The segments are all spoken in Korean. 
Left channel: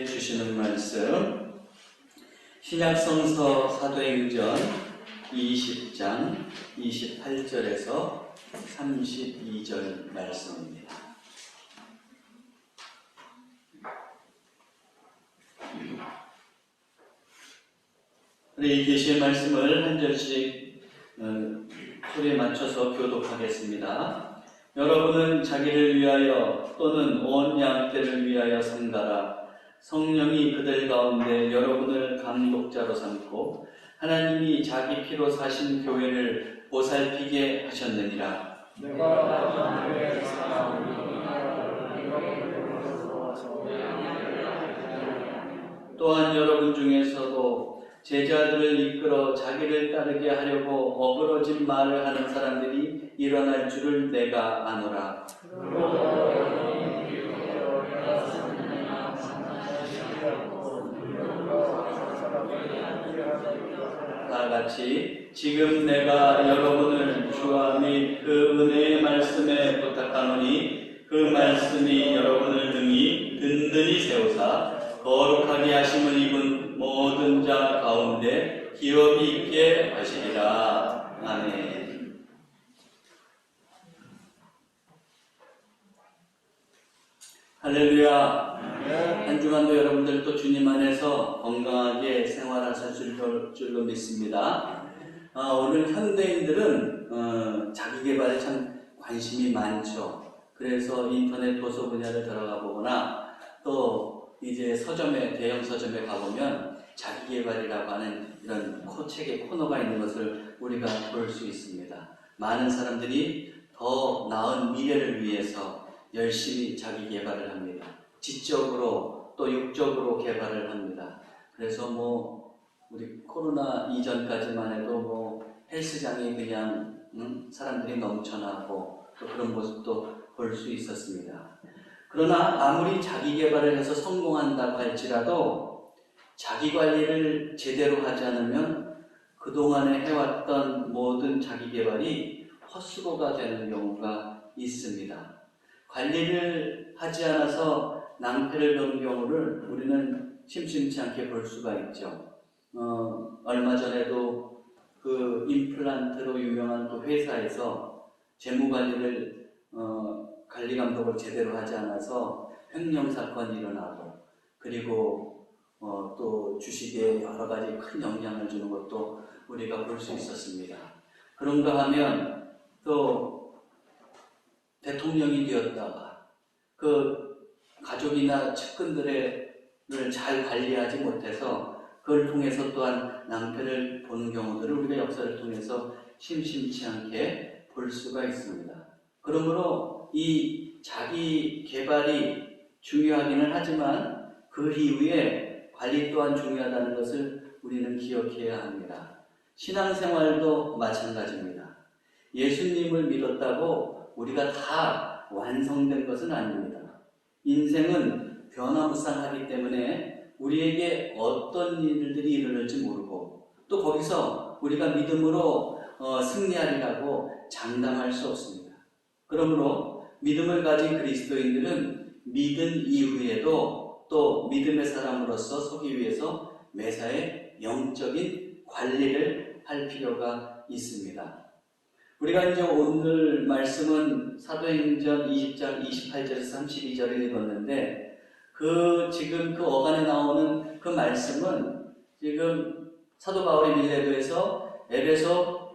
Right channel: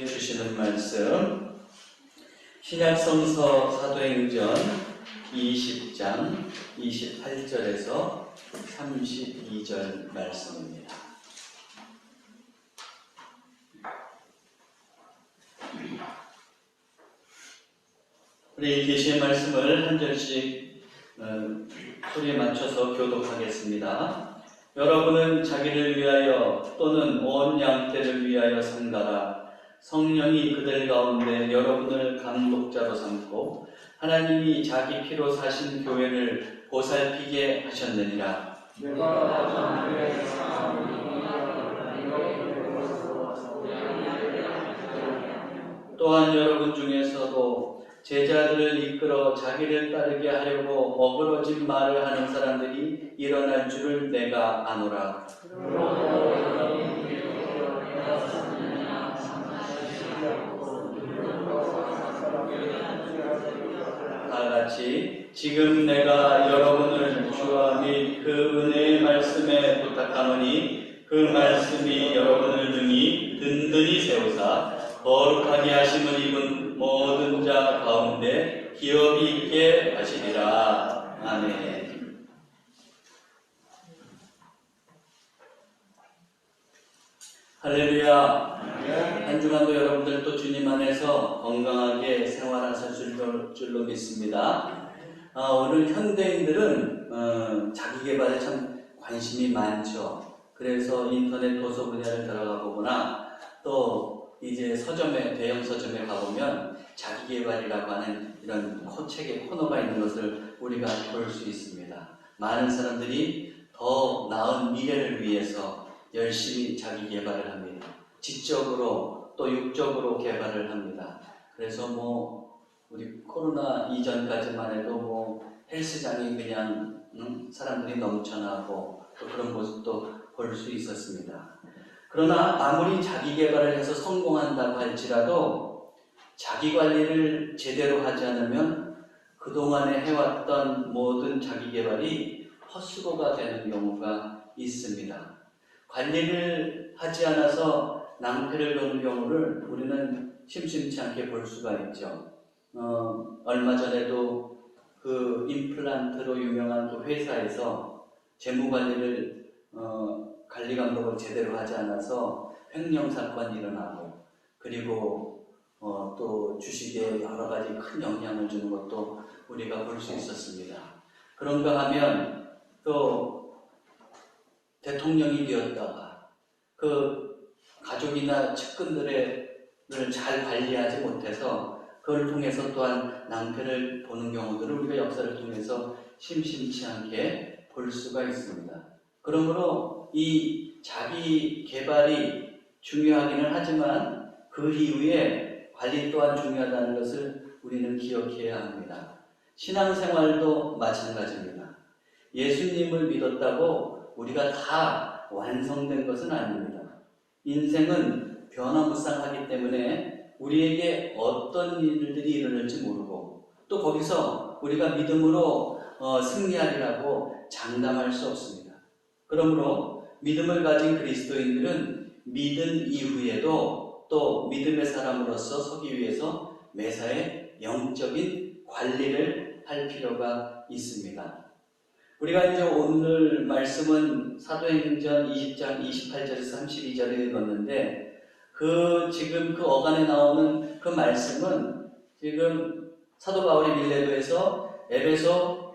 주시는 말씀 신약성서 사도행전 20장 28절에서 32절 말씀입니다. 우리 계시의 말씀을 한 절씩 소리에 맞춰서 교독하겠습니다. 여러분은 자기를 위하여 또는 온 양떼를 위하여 상가라. 성령이 그들 가운데 여러분을 감독자로 삼고 하나님이 자기 피로 사신 교회를 보살피게 하셨느니라. 또한 여러분 중에서도 제자들을 이끌어 자기를 따르게 하려고 어그러진 말을 하는 사람들이 일어날 줄을 내가 아노라. 다같이 지금 내가 여러분을 주와 및 그 은혜의 말씀에 부탁하노니 그 말씀이 여러분을 능히 든든히 세우사 거룩하게 하심을 입은 모든 자 가운데 기업이 있게 하시리라. 아멘. 할렐루야. 한 주간도 여러분들 또 주님 안에서 건강하게 생활하실 줄로 믿습니다. 오늘 현대인들은 자기 개발에 참 관심이 많죠. 그래서 인터넷 도서 분야를 들어가 보거나 또 이제 서점에, 대형 서점에 가보면 자기 개발이라고 하는 이런 책의 코너가 있는 것을 우리가 볼 수 있습니다. 많은 사람들이 더 나은 미래를 위해서 열심히 자기 개발을 합니다. 지적으로 또 육적으로 개발을 합니다. 그래서 우리 코로나 이전까지만 해도 헬스장이 그냥 사람들이 넘쳐나고 또 그런 모습도 볼 수 있었습니다. 그러나 아무리 자기 개발을 해서 성공한다고 할지라도 자기 관리를 제대로 하지 않으면 그동안에 해왔던 모든 자기 개발이 헛수고가 되는 경우가 있습니다. 관리를 하지 않아서 낭패를 본 경우를 우리는 심심치 않게 볼 수가 있죠. 얼마 전에도 그 임플란트로 유명한 그 회사에서 재무관리를 관리 감독을 제대로 하지 않아서 횡령 사건이 일어나고 그리고 또 주식에 여러 가지 큰 영향을 주는 것도 우리가 볼 수 있었습니다. 그런가 하면 또 대통령이 되었다가 그 가족이나 측근들을 잘 관리하지 못해서 그걸 통해서 또한 낭패를 보는 경우들을 우리가 역사를 통해서 심심치 않게 볼 수가 있습니다. 그러므로 이 자기 개발이 중요하기는 하지만 그 이후에 관리 또한 중요하다는 것을 우리는 기억해야 합니다. 신앙생활도 마찬가지입니다. 예수님을 믿었다고 우리가 다 완성된 것은 아닙니다. 인생은 변화무쌍하기 때문에 우리에게 어떤 일들이 일어날지 모르고 또 거기서 우리가 믿음으로 승리하리라고 장담할 수 없습니다. 그러므로 믿음을 가진 그리스도인들은 믿은 이후에도 또 믿음의 사람으로서 서기 위해서 매사에 영적인 관리를 할 필요가 있습니다. 우리가 이제 오늘 말씀은 사도행전 20장 28절에서 32절을 읽었는데 지금 그 어간에 나오는 그 말씀은 지금 사도 바울이 밀레도에서 에베소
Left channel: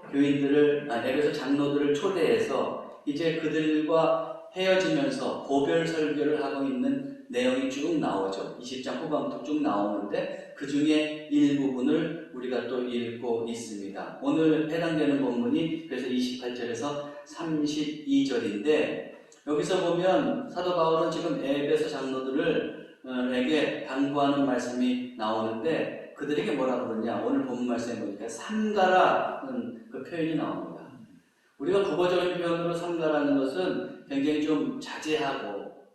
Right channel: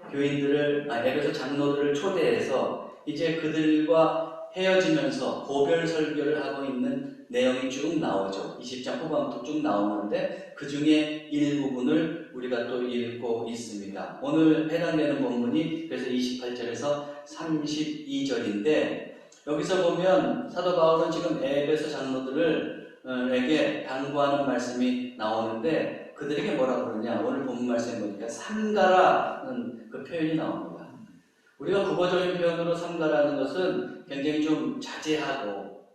장로들을 초대해서 이제 그들과 헤어지면서 고별 설교를 하고 있는 내용이 쭉 나오죠. 20장 후반부터 쭉 나오는데 그 중에 일부분을 우리가 또 읽고 있습니다. 오늘 해당되는 본문이 그래서 28절에서 32절인데 여기서 보면 사도 바울은 지금 에베소 장로들에게 당부하는 말씀이 나오는데 그들에게 뭐라고 그러냐? 오늘 본문 말씀에 보니까 삼가라는 그 표현이 나옵니다. 우리가 국어적인 표현으로 삼가라는 것은 굉장히 좀 자제하고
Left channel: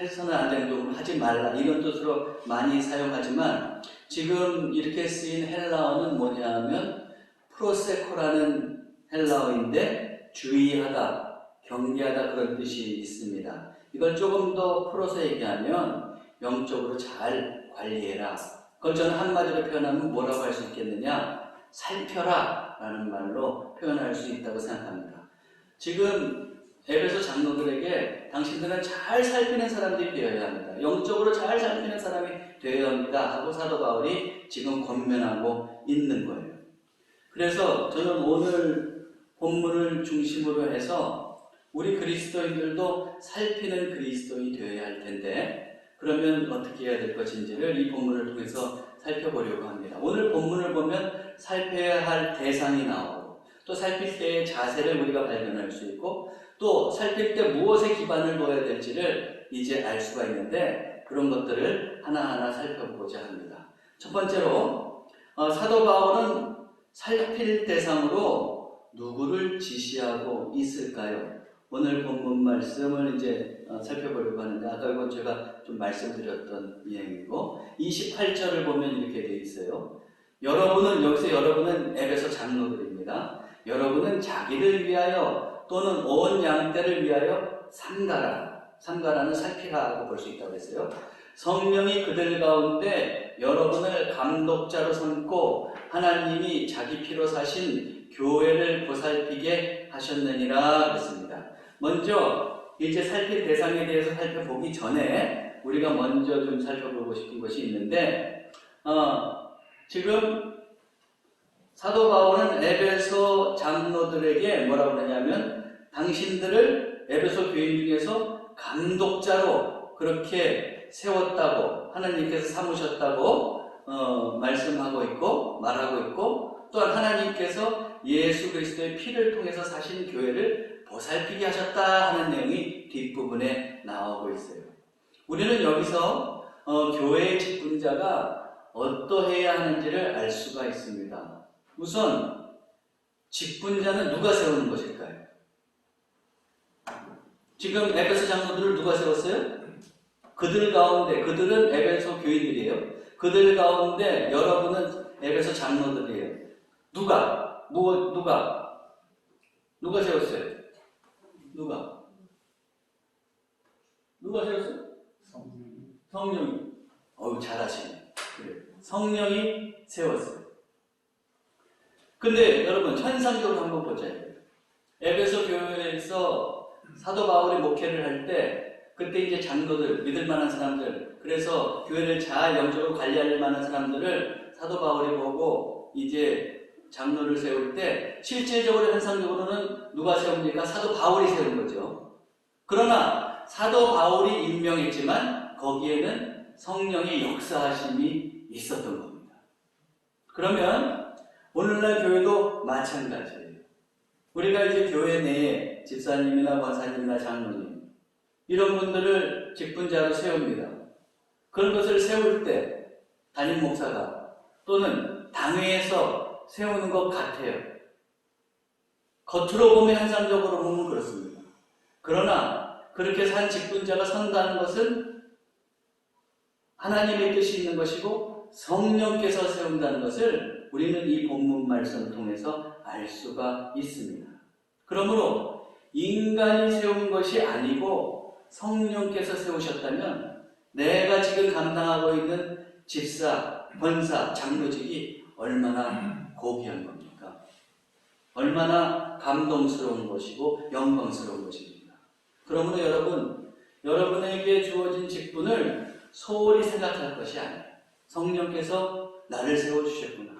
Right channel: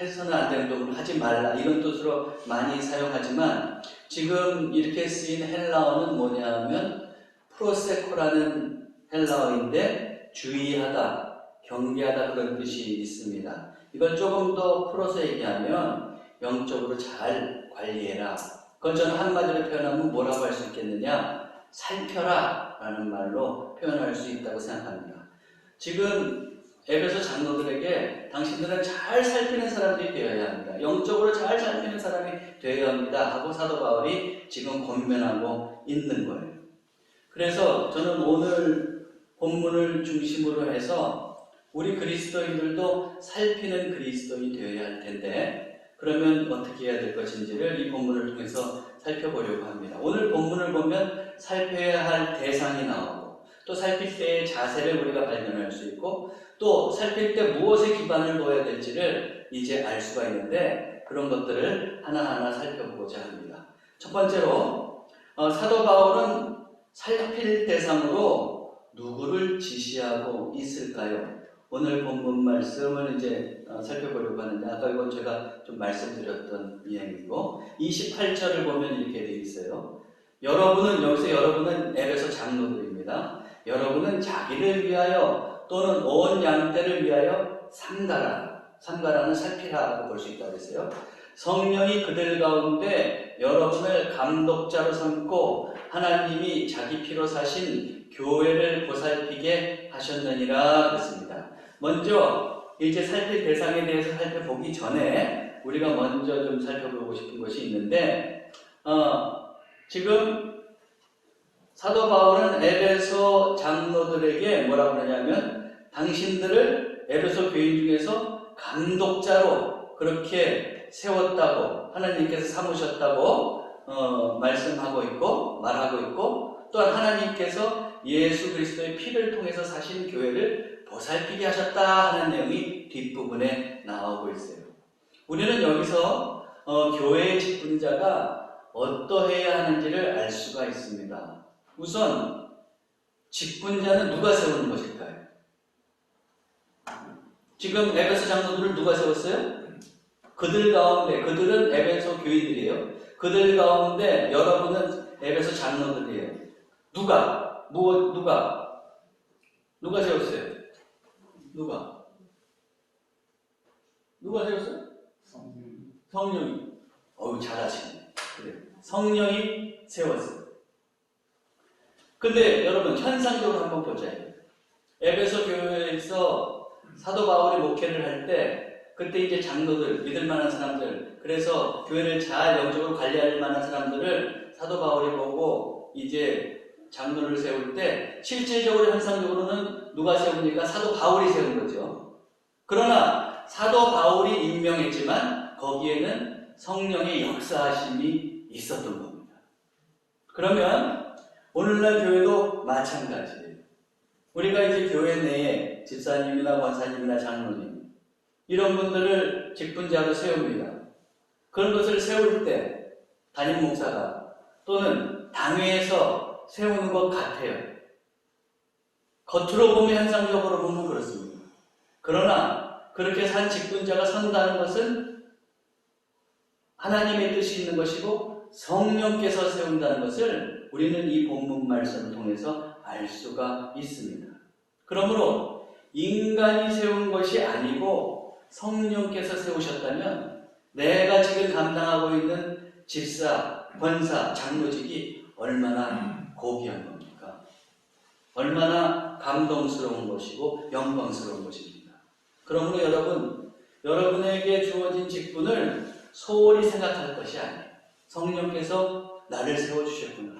해서는 안 되는 부분을 하지 말라 이런 뜻으로 많이 사용하지만 지금 이렇게 쓰인 헬라어는 뭐냐면 프로세코라는 헬라어인데 주의하다, 경계하다 그런 뜻이 있습니다. 이걸 조금 더 풀어서 얘기하면 영적으로 잘 관리해라. 그걸 저는 한마디로 표현하면 뭐라고 할 수 있겠느냐? 살펴라 라는 말로 표현할 수 있다고 생각합니다. 지금 에베소 장로들에게 당신들은 잘 살피는 사람들이 되어야 합니다. 영적으로 잘 살피는 사람이 되어야 합니다 하고 사도 바울이 지금 권면하고 있는 거예요. 그래서 저는 오늘 본문을 중심으로 해서 우리 그리스도인들도 살피는 그리스도인이 되어야 할 텐데, 그러면 어떻게 해야 될 것인지를 이 본문을 통해서 살펴보려고 합니다. 오늘 본문을 보면 살펴야 할 대상이 나오고, 또 살필 때의 자세를 우리가 발견할 수 있고, 또 살필 때 무엇에 기반을 둬야 될지를 이제 알 수가 있는데, 그런 것들을 하나하나 살펴보고자 합니다. 첫 번째로 사도 바울은 살필 대상으로 누구를 지시하고 있을까요? 오늘 본문 말씀을 이제 살펴보려고 하는데, 아까 이건 제가 좀 말씀드렸던 내용이고, 28절을 보면 이렇게 되어 있어요. 여러분은 에베소 장로들입니다. 여러분은 자기를 위하여 또는 온 양떼를 위하여 삼가라는 살피라고 볼 수 있다고 했어요. 성령이 그들 가운데 여러분을 감독자로 삼고 하나님이 자기 피로 사신 교회를 보살피게 하셨느니라 그랬습니다. 먼저 이제 살필 대상에 대해서 살펴보기 전에 우리가 먼저 좀 살펴보고 싶은 것이 있는데, 지금 사도 바울은 에베소 장로들에게 뭐라고 하냐면, 당신들을 에베소 교인 중에서 감독자로 그렇게 세웠다고 하나님께서 삼으셨다고 말씀하고 있고 말하고 있고, 또한 하나님께서 예수 그리스도의 피를 통해서 사신 교회를 보살피게 하셨다 하는 내용이 뒷부분에 나오고 있어요. 우리는 여기서 교회의 직분자가 어떠해야 하는지를 알 수가 있습니다. 우선 직분자는 누가 세우는 것일까요? 지금 에베소 장로들을 누가 세웠어요? 그들 가운데, 그들은 에베소 교인들이에요. 그들 가운데 여러분은 에베소 장로들이에요. 누가 세웠어요? 누가 세웠어요? 성령이. 잘하시네. 그래. 성령이 세웠어요. 근데 여러분, 현상적으로 한번 보자. 에베소 교회에서 사도 바울이 목회를 할 때, 그때 이제 장로들, 믿을 만한 사람들, 그래서 교회를 잘 영적으로 관리할 만한 사람들을 사도 바울이 보고 이제 장로를 세울 때, 실제적으로 현상적으로는 누가 세웁니까? 사도 바울이 세운 거죠. 그러나 사도 바울이 임명했지만 거기에는 성령의 역사하심이 있었던 겁니다. 그러면 오늘날 교회도 마찬가지예요. 우리가 이제 교회 내에 집사님이나 권사님이나 장로님, 이런 분들을 직분자로 세웁니다. 그런 것을 세울 때 담임 목사가 또는 당회에서 세우는 것 같아요. 겉으로 보면, 현상적으로 보면 그렇습니다. 그러나 그렇게 산 직분자가 선다는 것은 하나님의 뜻이 있는 것이고 성령께서 세운다는 것을 우리는 이 본문 말씀을 통해서 알 수가 있습니다. 그러므로 인간이 세운 것이 아니고 성령께서 세우셨다면 내가 지금 감당하고 있는 집사, 권사, 장로직이 얼마나 고귀한 겁니까? 얼마나 감동스러운 것이고 영광스러운 것입니다. 그러므로 여러분에게 주어진 직분을 소홀히 생각할 것이 아니에요. 성령께서 나를 세워주셨구나.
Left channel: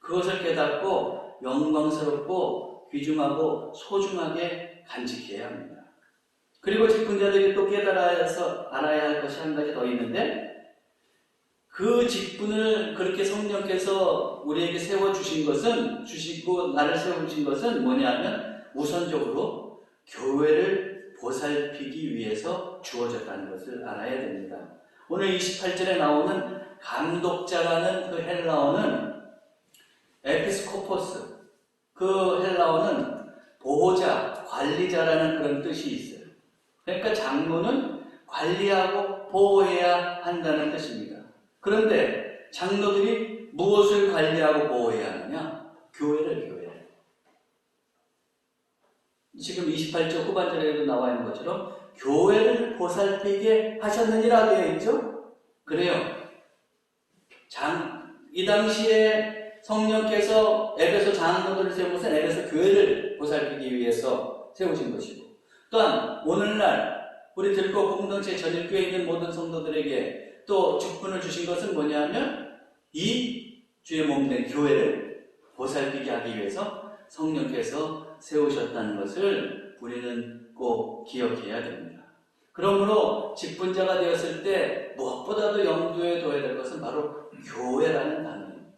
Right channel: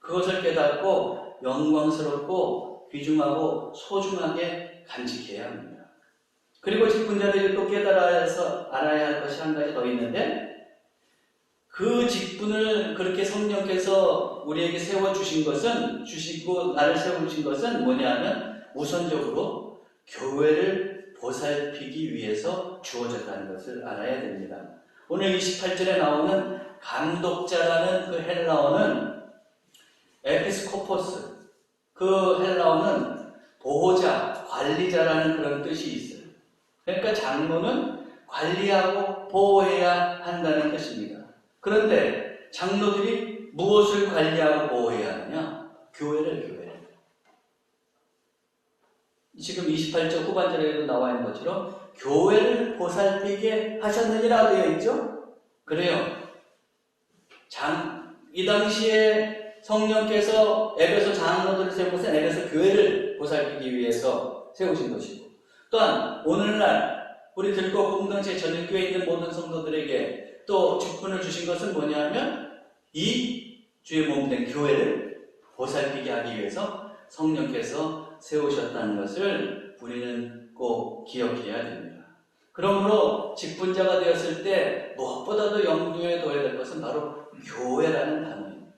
그것을 깨닫고 영광스럽고 귀중하고 소중하게 간직해야 합니다. 그리고 직분자들이 또 알아야 할 것이 한 가지 더 있는데, 그 직분을 그렇게 성령께서 우리에게 주시고 나를 세워주신 것은 뭐냐면, 우선적으로 교회를 보살피기 위해서 주어졌다는 것을 알아야 됩니다. 오늘 28절에 나오는 감독자라는 그 헬라어는 에피스코포스, 그 헬라어는 보호자, 관리자라는 그런 뜻이 있어요. 그러니까 장로는 관리하고 보호해야 한다는 뜻입니다. 그런데 장로들이 무엇을 관리하고 보호해야 하느냐? 교회를. 지금 28절 후반절에도 나와 있는 것처럼 교회를 보살피게 하셨느니라 되어 있죠? 그래요. 이 당시에 성령께서 에베소 장로들을 세운 것은 에베소 교회를 보살피기 위해서 세우신 것이고, 또한 오늘날 우리 들고 공동체 전일교회에 있는 모든 성도들에게 또 직분을 주신 것은 뭐냐면 이 주의 몸된 교회를 보살피게 하기 위해서 성령께서 세우셨다는 것을 우리는 꼭 기억해야 됩니다. 그러므로 직분자가 되었을 때 무엇보다도 염두에 둬야 될 것은 바로 교회라는 단어입니다.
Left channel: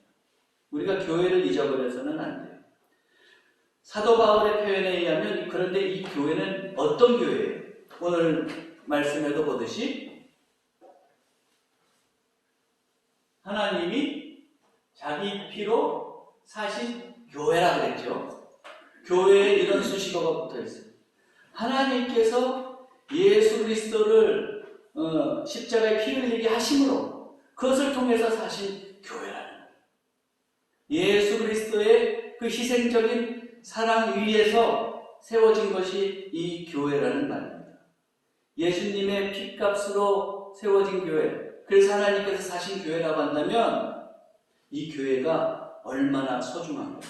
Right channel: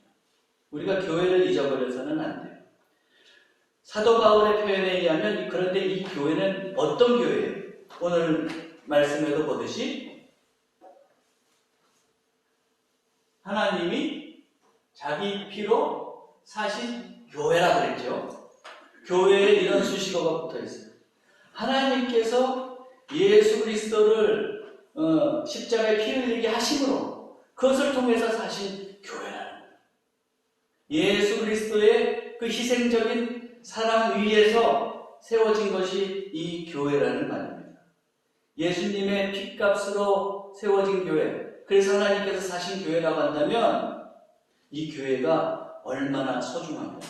우리가 교회를 잊어버려서는 안 돼요. 사도 바울의 표현에 의하면 그런데 이 교회는 어떤 교회예요? 오늘 말씀에도 보듯이 하나님이 자기 피로 사신 교회라 그랬죠. 교회에 이런 수식어가 붙어 있어요. 하나님께서 예수 그리스도를 십자가에 피 흘리게 하심으로 그것을 통해서 사신 교회라는 거예요. 예수 그리스도의 그 희생적인 사랑 위에서 세워진 것이 이 교회라는 말입니다. 예수님의 핏값으로 세워진 교회, 그래서 하나님께서 사신 교회라고 한다면 이 교회가 얼마나 소중한 겁니까?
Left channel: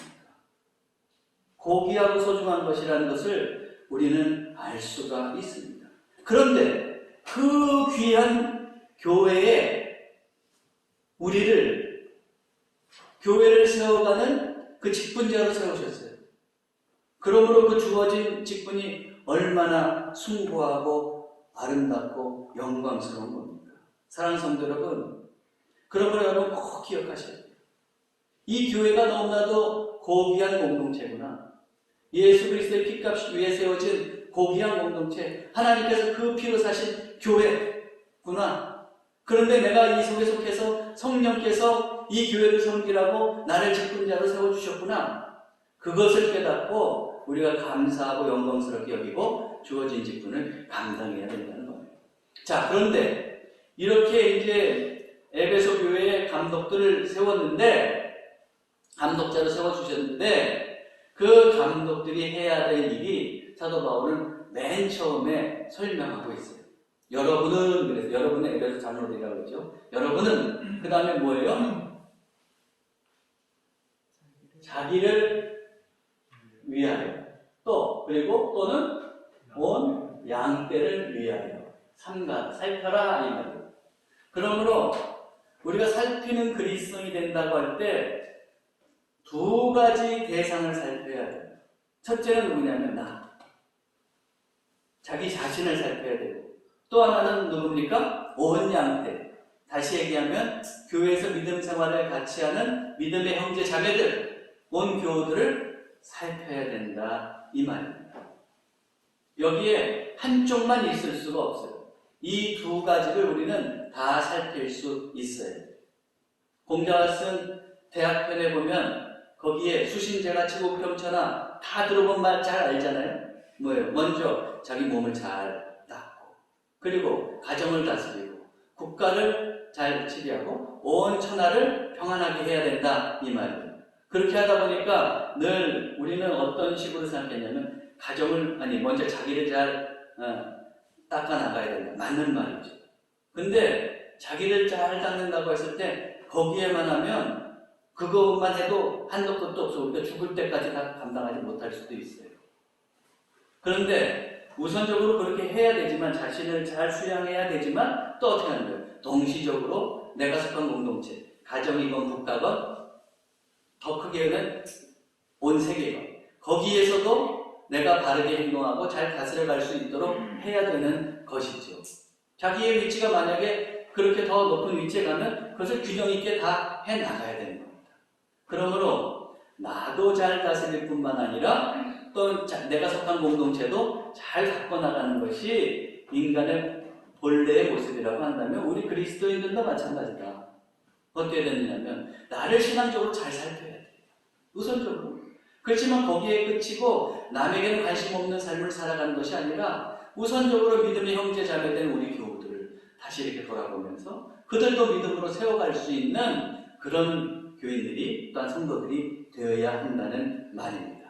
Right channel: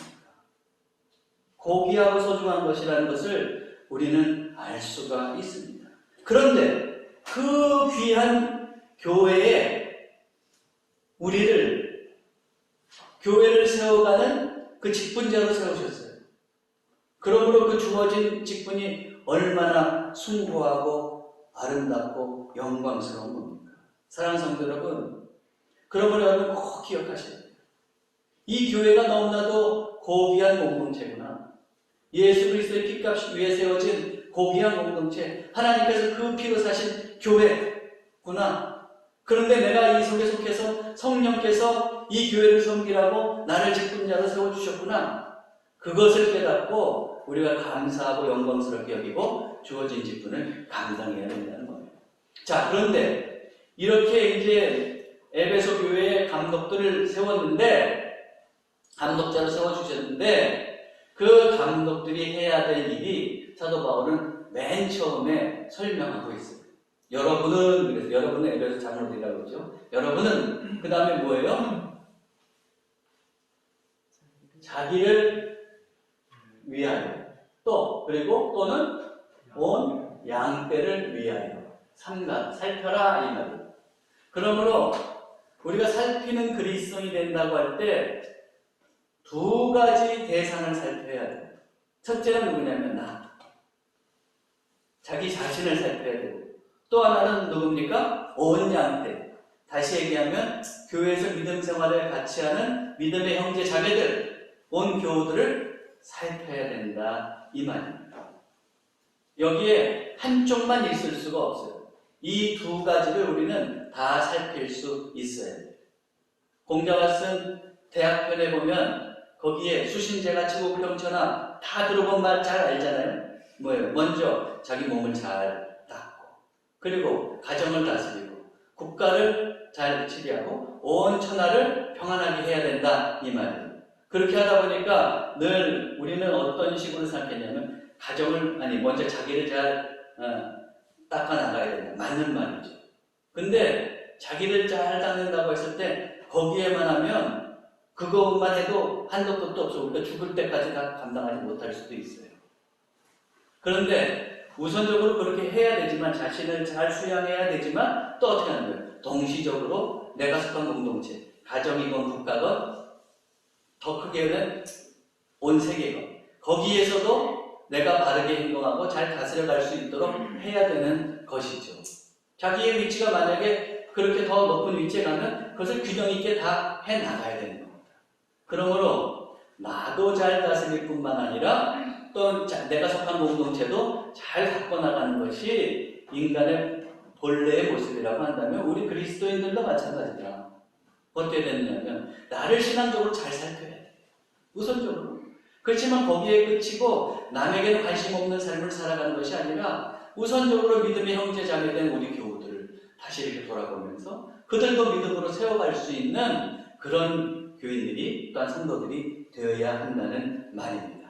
고귀하고 소중한 것이라는 것을 우리는 알 수가 있습니다. 그런데 그 귀한 교회에 우리를 교회를 세워가는 그 직분자로 세우셨어요. 그러므로 그 주어진 직분이 얼마나 숭고하고 아름답고 영광스러운 겁니까? 사랑하는 성도 여러분, 그러므로 여러분 꼭 기억하셔야 돼요. 이 교회가 너무나도 고귀한 공동체구나. 예수 그리스도의 핏값 위에 세워진 고귀한 공동체, 하나님께서 그 피로 사신 교회구나. 그런데 내가 이 속에 속해서 성령께서 이 교회를 섬기라고 나를 직분자로 세워주셨구나. 그것을 깨닫고 우리가 감사하고 영광스럽게 여기고 주어진 직분을 감당해야 된다는 거예요. 자, 그런데 이렇게 이제 에베소 교회의 감독들을 세웠는데, 감독자로 세워주셨는데, 그 감독들이 해야 될 일이 사도 바울은 맨 처음에 설명하고 있어요. 여러분은, 그래서 여러분은 에베소 장로들이라고 그러죠. 여러분은 그 다음에 뭐예요? 자기를 위하여, 또 그리고 또는 온 양떼를 위하여 살펴라 이 말이에요. 그러므로 우리가 살피는 그리스도인이 된다고 할 때 두 가지 대상을 살펴야 돼요. 첫째는 누구냐면 나. 자기 자신을 살펴야 되고, 또 하나는 누굽니까? 온 양떼. 다시 얘기하면 교회에서 믿음 생활을 같이 하는 믿음의 형제 자매들, 온 교우들을 살펴야 된다 이 말입니다. 여기에 한쪽만 있을 수가 없어요. 이 두 가지를 우리는 다 살필 수 있어야 돼요. 공자가 쓴 대학편에 보면 거기에 수신제가 치고 평천하 다 들어본 말 잘 알잖아요. 뭐예요? 먼저 자기 몸을 잘 닦고, 그리고 가정을 다스리고, 국가를 잘 치리하고, 온 천하를 평안하게 해야 된다 이 말이에요. 그렇게 하다 보니까 늘 우리는 어떤 식으로 생각했냐면 먼저 자기를 잘 닦아 나가야 된다. 맞는 말이죠. 근데 자기를 잘 닦는다고 했을 때 거기에만 하면 그것만 해도 한도 끝도 없어. 우리가 죽을 때까지 다 감당하지 못할 수도 있어요. 그런데 우선적으로 그렇게 해야 되지만, 자신을 잘 수양해야 되지만, 또 어떻게 하는 거예요? 동시적으로 내가 속한 공동체, 가정이건 국가건, 더 크게는 온 세계건, 거기에서도 내가 바르게 행동하고 잘 다스려갈 수 있도록 해야 되는 것이죠. 자기의 위치가 만약에 그렇게 더 높은 위치에 가면 그것을 균형 있게 다 해나가야 되는 겁니다. 그러므로 나도 잘 다스릴 뿐만 아니라 또 내가 속한 공동체도 잘 바꿔나가는 것이 인간의 본래의 모습이라고 한다면 우리 그리스도인들도 마찬가지다. 어떻게 되느냐면 나를 신앙적으로 잘 살펴야 돼. 우선적으로. 그렇지만 거기에 그치고 남에게는 관심 없는 삶을 살아가는 것이 아니라 우선적으로 믿음의 형제 자매된 우리 교우들을 다시 이렇게 돌아보면서 그들도 믿음으로 세워갈 수 있는 그런 교인들이, 또한 성도들이 되어야 한다는 말입니다.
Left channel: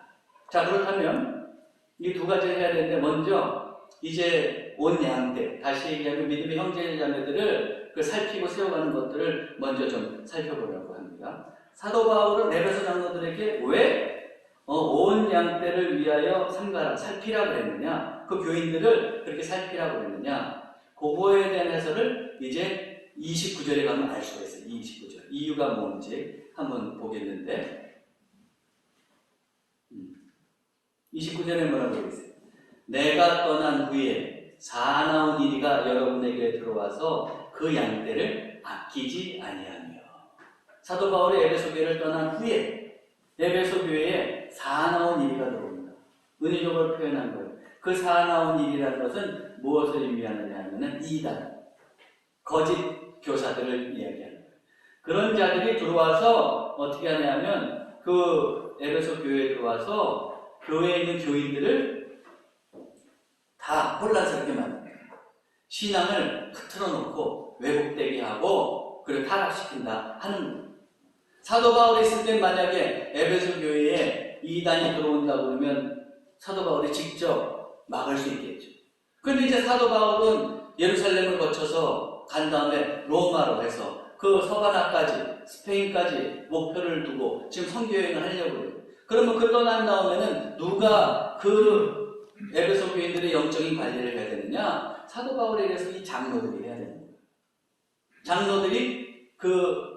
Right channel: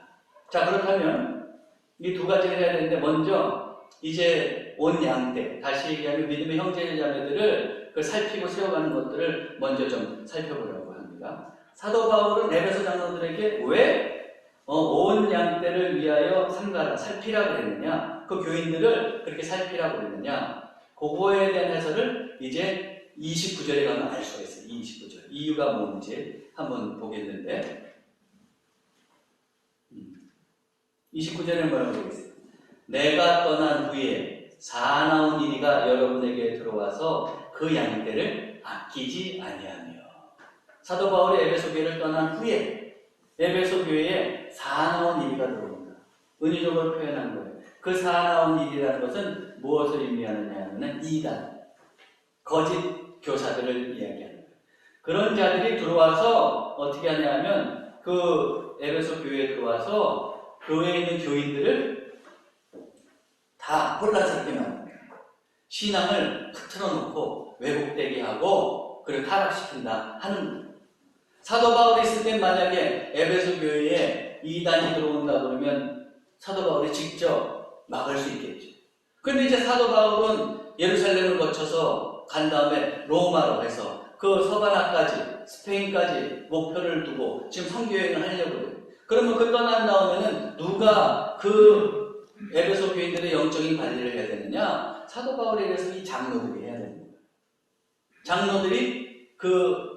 자, 그렇다면 이 두 가지를 해야 되는데, 먼저 이제 온 양떼, 다시 얘기하면 믿음의 형제 자매들을 그 살피고 세워가는 것들을 먼저 좀 살펴보려고 합니다. 사도 바울은 에베소 장로들에게 왜 온 양떼를 위하여 삼가라, 살피라고 그랬느냐, 그 교인들을 그렇게 살피라고 그랬느냐, 그거에 대한 해설을 이제 29절에 가면 알 수가 있어요. 29절. 이유가 뭔지 한번 보겠는데, 29절에 뭐라고 되겠어요? 내가 떠난 후에 사나운 이리가 여러분에게 들어와서 그 양떼를 아끼지 아니하며. 사도 바울이 에베소 교회를 떠난 후에 에베소 교회에 사나운 이리가 들어옵니다. 은유적으로 표현한 거예요. 그 사나운 일이라는 것은 무엇을 의미하느냐 하면 이단, 거짓 교사들을 이야기하는 거예요. 그런 자들이 들어와서 어떻게 하냐면 그 에베소 교회에 들어와서 교회에 있는 교인들을 다 혼란스럽게 만듭니다. 신앙을 흐트러놓고 왜곡되게 하고 그리고 타락시킨다 하는 거예요. 사도 바울이 있을 때 만약에 에베소 교회에 이단이 들어온다 그러면 사도 바울이 직접 막을 수 있겠죠. 그런데 이제 사도 바울은 예루살렘을 거쳐서 간 다음에 로마로 해서 그 서바나까지 스페인까지 목표를 두고 지금 선교여행을 하려고 해요. 그러면 그 떠난 다음에는 누가 그 에베소 교인들의 영적인 관리를 해야 되느냐? 사도 바울에 대해서 이 장로들이 해야 되는 거예요. 장로들이 그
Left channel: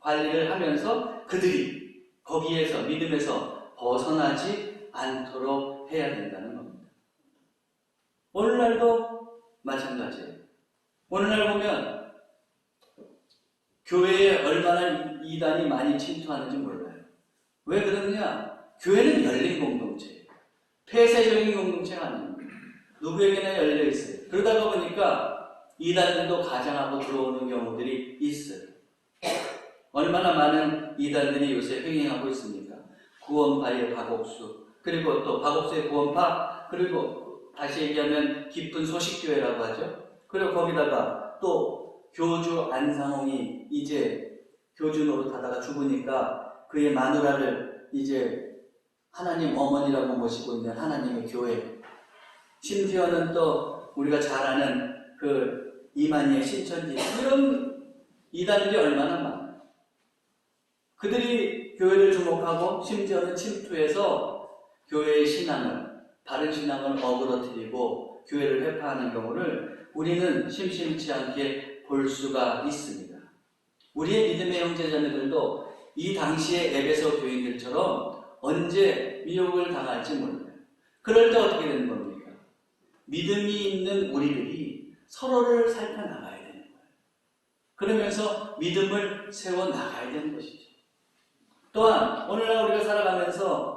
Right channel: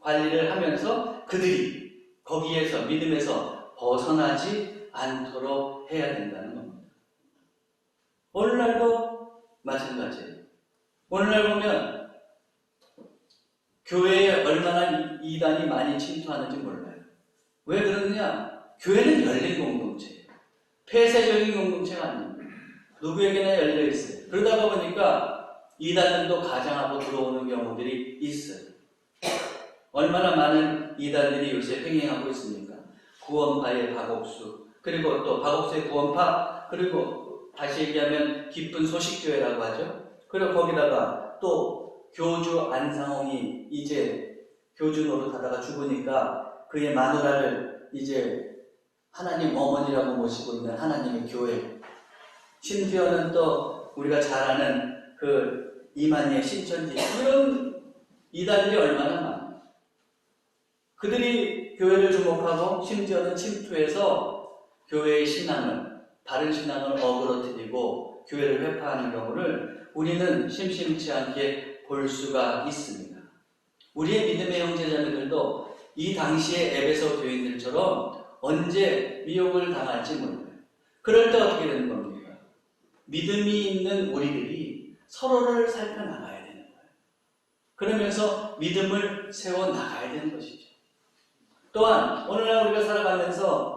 관리를 하면서 그들이 거기에서 믿음에서 벗어나지 않도록 해야 된다는 겁니다. 오늘날도 마찬가지예요. 오늘날 보면 교회에 얼마나 이단이 많이 침투하는지 몰라요. 왜 그러느냐? 교회는 열린 공동체예요. 폐쇄적인 공동체가 아닙니다. 누구에게나 열려 있어요. 그러다가 보니까 이단들도 가장하고 들어오는 경우들이 있어요. 얼마나 많은 이단들이 요새 횡행하고 있습니까? 구원파의 박옥수, 그리고 또 박옥수의 구원파, 그리고 다시 얘기하면 기쁜 소식교회라고 하죠. 그리고 거기다가 또 교주 안상홍이 이제 교주 노릇하다가 죽으니까 그의 마누라를 이제 하나님 어머니라고 모시고 있는 하나님의 교회, 심지어는 또 우리가 잘 아는 그 이만희의 신천지, 이런 이단들이 얼마나 많아요. 그들이 교회를 주목하고 심지어는 침투해서 교회의 신앙을, 바른 신앙을 어그러뜨리고 교회를 회파하는 경우를 우리는 심심치 않게 볼 수가 있습니다. 우리의 믿음의 형제자매들도 이 당시의 에베소 교인들처럼 언제 미혹을 당할지 몰라요. 그럴 때 어떻게 되는 겁니까? 믿음이 있는 우리들이 서로를 살펴나가야 되는 거예요. 그러면서 믿음을 세워나가야 되는 것이죠. 또한 오늘날 우리가 살아가면서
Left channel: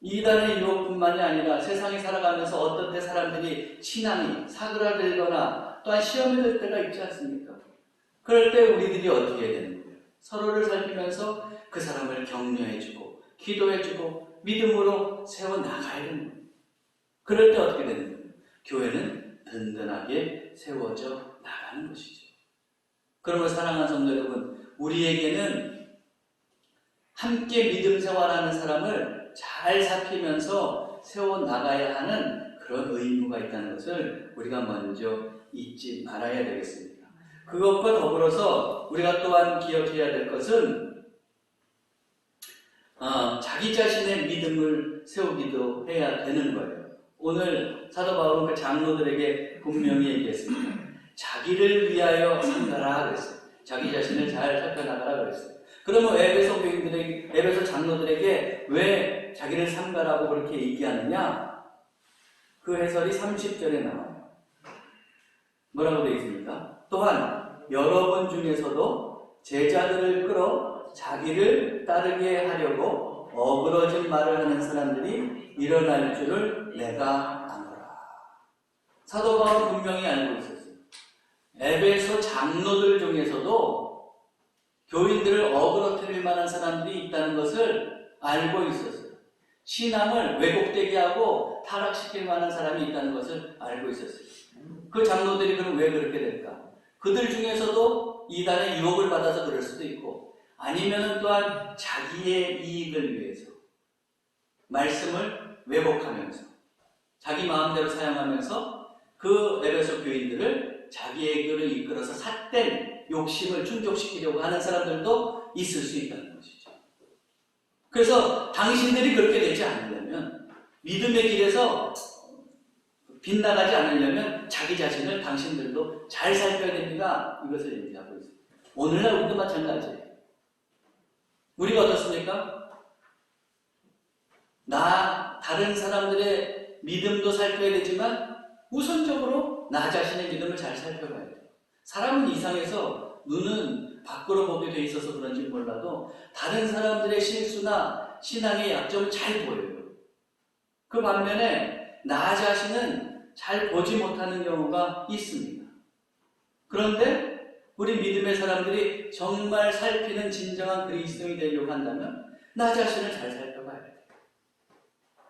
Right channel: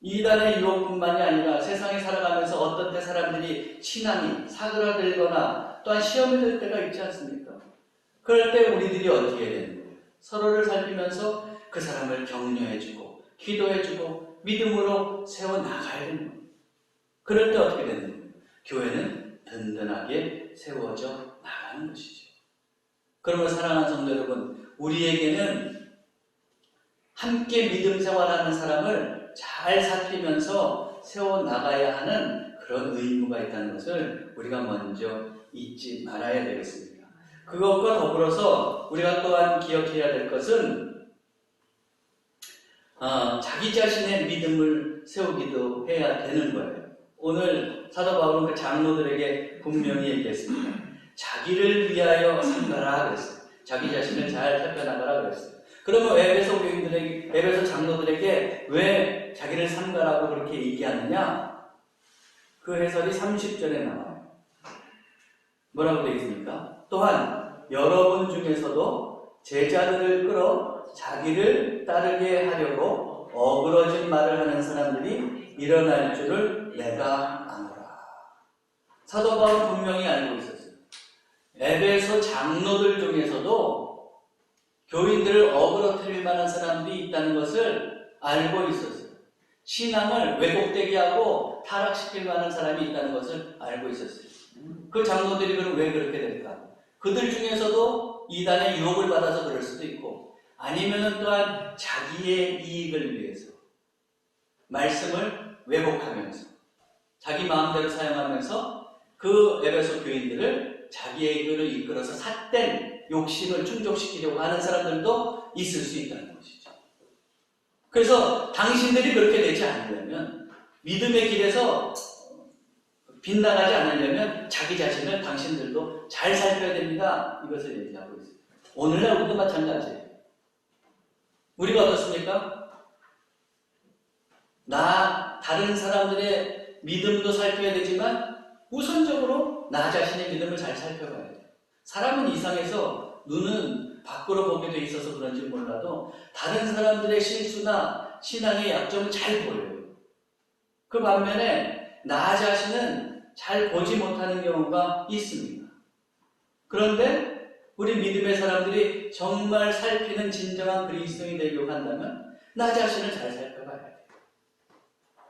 이단의 유혹뿐만이 아니라 세상에 살아가면서 어떤 때 사람들이 신앙이 사그라들거나 또한 시험이 될 때가 있지 않습니까? 그럴 때 우리들이 어떻게 해야 되는 거예요? 서로를 살피면서 그 사람을 격려해주고 기도해주고 믿음으로 세워나가야 되는 거예요. 그럴 때 어떻게 되는 거예요? 교회는 든든하게 세워져 나가는 것이죠. 그러므로 사랑하는 성도 여러분, 우리에게는 함께 믿음 생활하는 사람을 잘 살피면서 세워나가야 하는 그런 의무가 있다는 것을 우리가 먼저 잊지 말아야 되겠습니다. 그것과 더불어서 우리가 또한 기억해야 될 것은 자기 자신의 믿음을 세우기도 해야 되는 거예요. 오늘 사도 바울은 그 장로들에게 분명히 얘기했습니다. 자기를 위하여 삼가라 그랬어요. 자기 자신을 잘 살펴나가라 그랬어요. 그러면 에베소 교인들에게, 에베소 장로들에게 왜 자기를 삼가라고 그렇게 얘기하느냐? 그 해설이 30절에 나와요. 뭐라고 되어 있습니까? 또한 여러분 중에서도 제자들을 끌어 자기를 따르게 하려고 어그러진 말을 하는 사람들이 일어날 줄을 내가 아노라. 사도 바울은 분명히 알고 있었어요. 에베소 장로들 중에서도 교인들을 어그러뜨릴 만한 사람들이 있다는 것을 알고 있었어요. 신앙을 왜곡되게 하고 타락시킬 만한 사람이 있다는 것을 알고 있었어요. 그 장로들이 그럼 왜 그렇게 될까? 그들 중에서도 이단의 유혹을 받아서 그럴 수도 있고, 아니면은 또한 자기의 이익을 위해서 말씀을 왜곡하면서 자기 마음대로 사용하면서 그 에베소 교인들을 자기에게로 이끌어서 삿된 욕심을 충족시키려고 하는 사람들도 있을 수 있다는 것이죠. 그래서 당신들이 그렇게 되지 않으려면, 믿음의 길에서 빗나가지 않으려면 자기 자신을 당신들도 잘 살펴야 됩니다. 이것을 얘기하고 있습니다. 오늘날 우리도 마찬가지예요. 우리가 어떻습니까? 다른 사람들의 믿음도 살펴야 되지만 우선적으로 나 자신의 믿음을 잘 살펴봐야 돼요. 사람은 이상해서 눈은 밖으로 보게 돼 있어서 그런지 몰라도 다른 사람들의 실수나 신앙의 약점을 잘 보여요. 그 반면에 나 자신은 잘 보지 못하는 경우가 있습니다. 그런데 우리 믿음의 사람들이 정말 살피는 진정한 그리스도인이 되려고 한다면 나 자신을 잘 살펴봐야 돼요.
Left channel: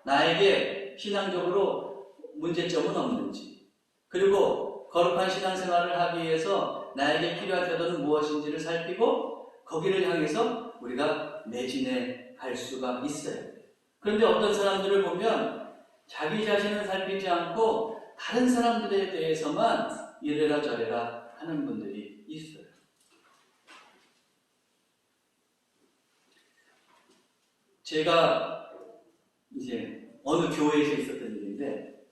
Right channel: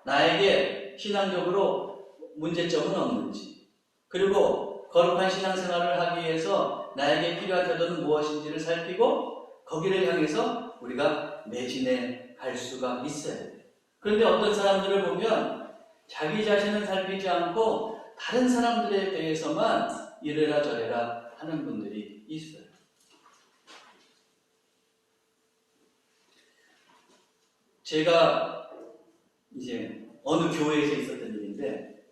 나에게 신앙적으로 문제점은 없는지, 그리고 거룩한 신앙생활을 하기 위해서 나에게 필요한 자들은 무엇인지를 살피고 거기를 향해서 우리가 매진해 갈 수가 있어야 돼요. 그런데 어떤 사람들을 보면 자기 자신은 살피지 않고 다른 사람들에 대해서만 이래라 저래라 하는 분들이 있어요. 제가 이제 어느 교회에서 있었던 일인데,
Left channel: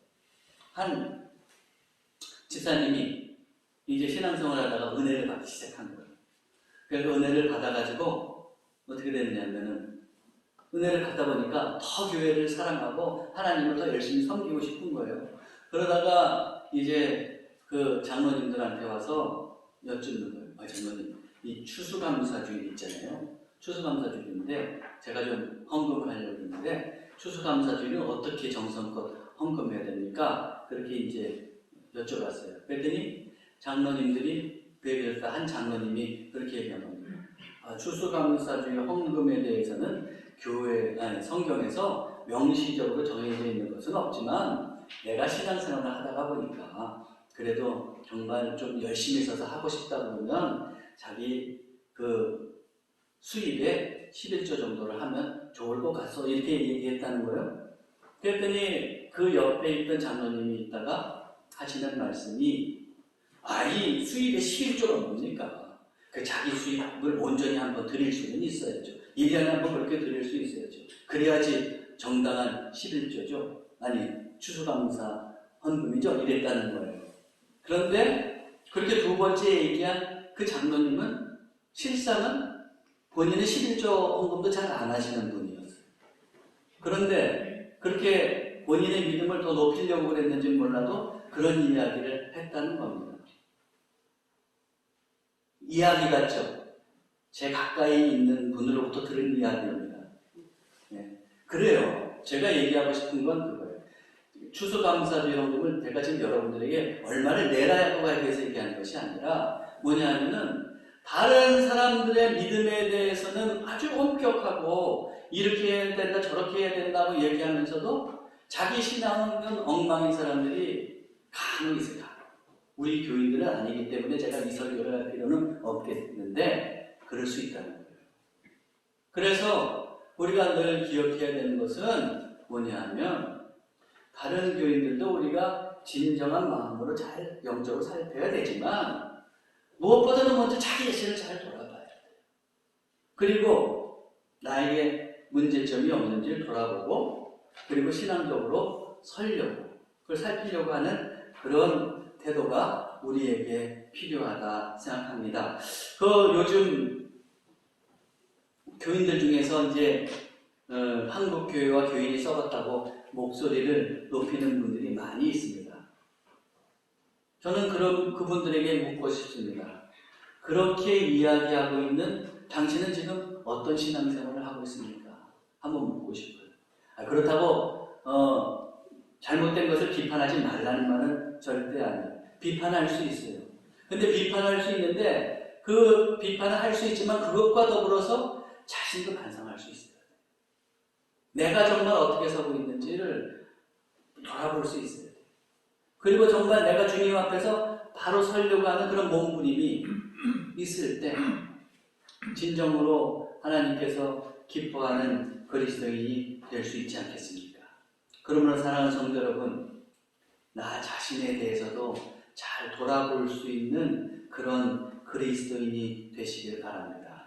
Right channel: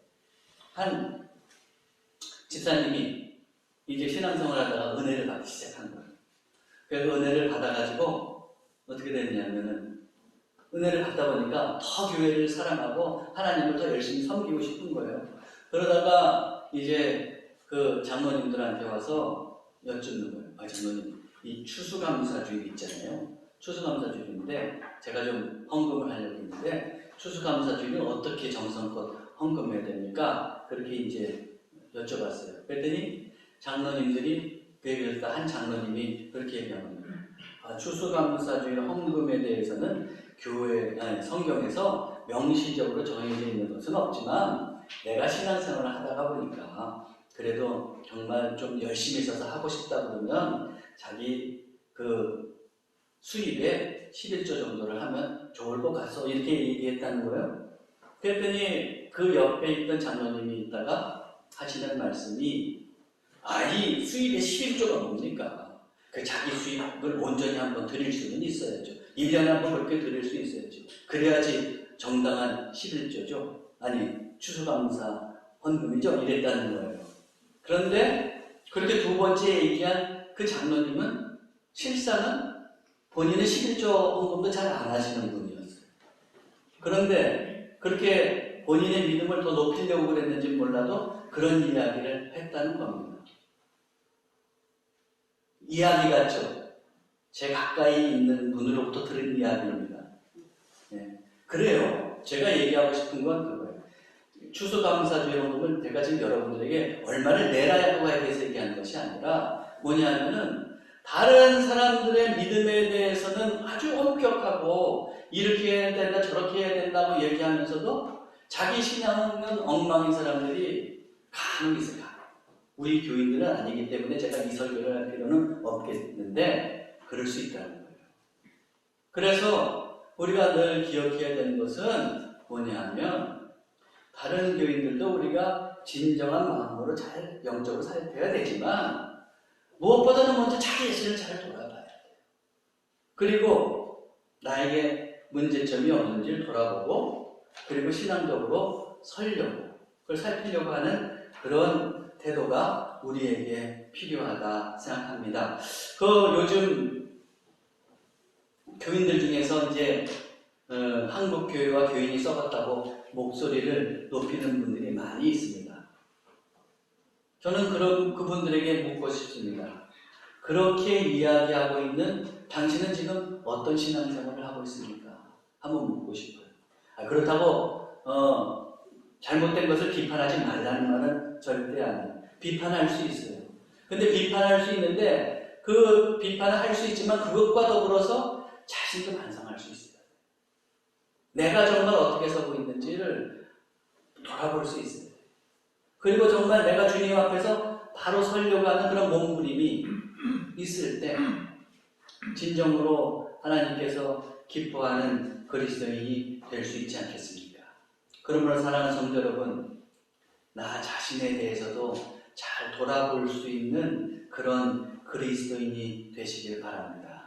한 집사님이 이제 신앙생활 하다가 은혜를 받기 시작한 거예요. 그래서 은혜를 받아가지고 어떻게 됐냐면은, 은혜를 받다 보니까 더 교회를 사랑하고 하나님을 더 열심히 섬기고 싶은 거예요. 그러다가 이제 그 장로님들한테 와서 여쭙는 거예요. 장로님, 이 추수감사주일 있잖아요. 추수감사주일인데 제가 좀 헌금을 하려고 했는데 추수감사주일은 어떻게 정성껏 헌금해야 됩니까? 그렇게 이제 여쭤봤어요. 그랬더니 장로님들이 배우셨다 한 장로님이 그렇게 얘기합니다. 추수감사주일 헌금에 대해서는 성경에서 명시적으로 정해져 있는 것은 없지만 내가 신앙생활을 하다가 보니까 그래도 정말 좀 열심히 있어서 하고 싶다 그러면 자기 그 수입에 11조 정도를 하면 좋을 것 같소, 이렇게 얘기했다는 거예요. 그랬더니 그 옆에 있던 장로님이 있다가 하시는 말씀이, 이 수입의 11조가 뭡니까? 그 자기 수입을 온전히 한번 드릴 수는 있어야죠. 1년에 한번 그렇게 드릴 수 있어야죠. 그래야지 정당한 11조죠. 아니, 추수감사 헌금이죠. 이랬다는 거예요. 그런데 그렇게 두 번째 얘기한 그 장로님은 실상은 본인의 11조 헌금도 잘 안 하시는 분이었어요. 그런데 그렇게 본인의 믿음을 더 높이려고 그랬는지 몰라도 그런 이야기를 했다는 겁니다. 이야기 같죠? 제 가까이 있는 분으로부터 들은 이야기입니다. 네. 그래요. 제가 얘기하고 싶은 건 그거예요. 추수감사주의 헌금은 제가 지금 여러분들에게 얼마를 내라고에 대해서 얘기하는 것이 아니라 뭐냐면은 다른 사람들의 믿음에 대해서는 아주 엄격하고 이렇게 해야 된다 저렇게 해야 된다고 얘기하면서도 자기 신앙은 엉망인 사람들이 간혹 있어요. 우리 교인들은 아니기 때문에 제가 이 설교를 할 필요는 없겠는데 그럴 수 있다는 거예요. 그래서 우리가 늘 기억해야 되는 것은 뭐냐면 다른 교인들도 우리가 진정한 마음으로 잘 영적으로 살펴야 되지만 무엇보다도 먼저 자기 자신을 잘 돌아봐야 돼요. 그리고 나에게 문제점이 없는지를 돌아보고 그리고 신앙적으로 서려고 그걸 살피려고 하는 그런 태도가 우리에게 필요하다 생각합니다. 요즘 교인들 중에서 이제 한국 교회와 교인이 썩었다고 목소리를 높이는 분들이 많이 있습니다. 저는 그분들에게 묻고 싶습니다. 그렇게 이야기하고 있는 당신은 지금 어떤 신앙생활을 하고 있습니까? 한번 묻고 싶어요. 그렇다고 잘못된 것을 비판하지 말라는 말은 절대 아니에요. 비판할 수 있어요. 근데 비판할 수 있는데 그 비판을 할 수 있지만 그것과 더불어서 자신도 반성할 수 있어요. 내가 정말 어떻게 서고 있는지를 돌아볼 수 있어요. 그리고 정말 내가 주님 앞에서 바로 서려고 하는 그런 몸부림이 있을 때 진정으로 하나님께서 기뻐하는 그리스도인이 될 수 있지 않겠습니까? 그러므로 사랑하는 성도 여러분, 나 자신에 대해서도 잘 돌아볼 수 있는 그런 그리스도인이 되시길 바랍니다.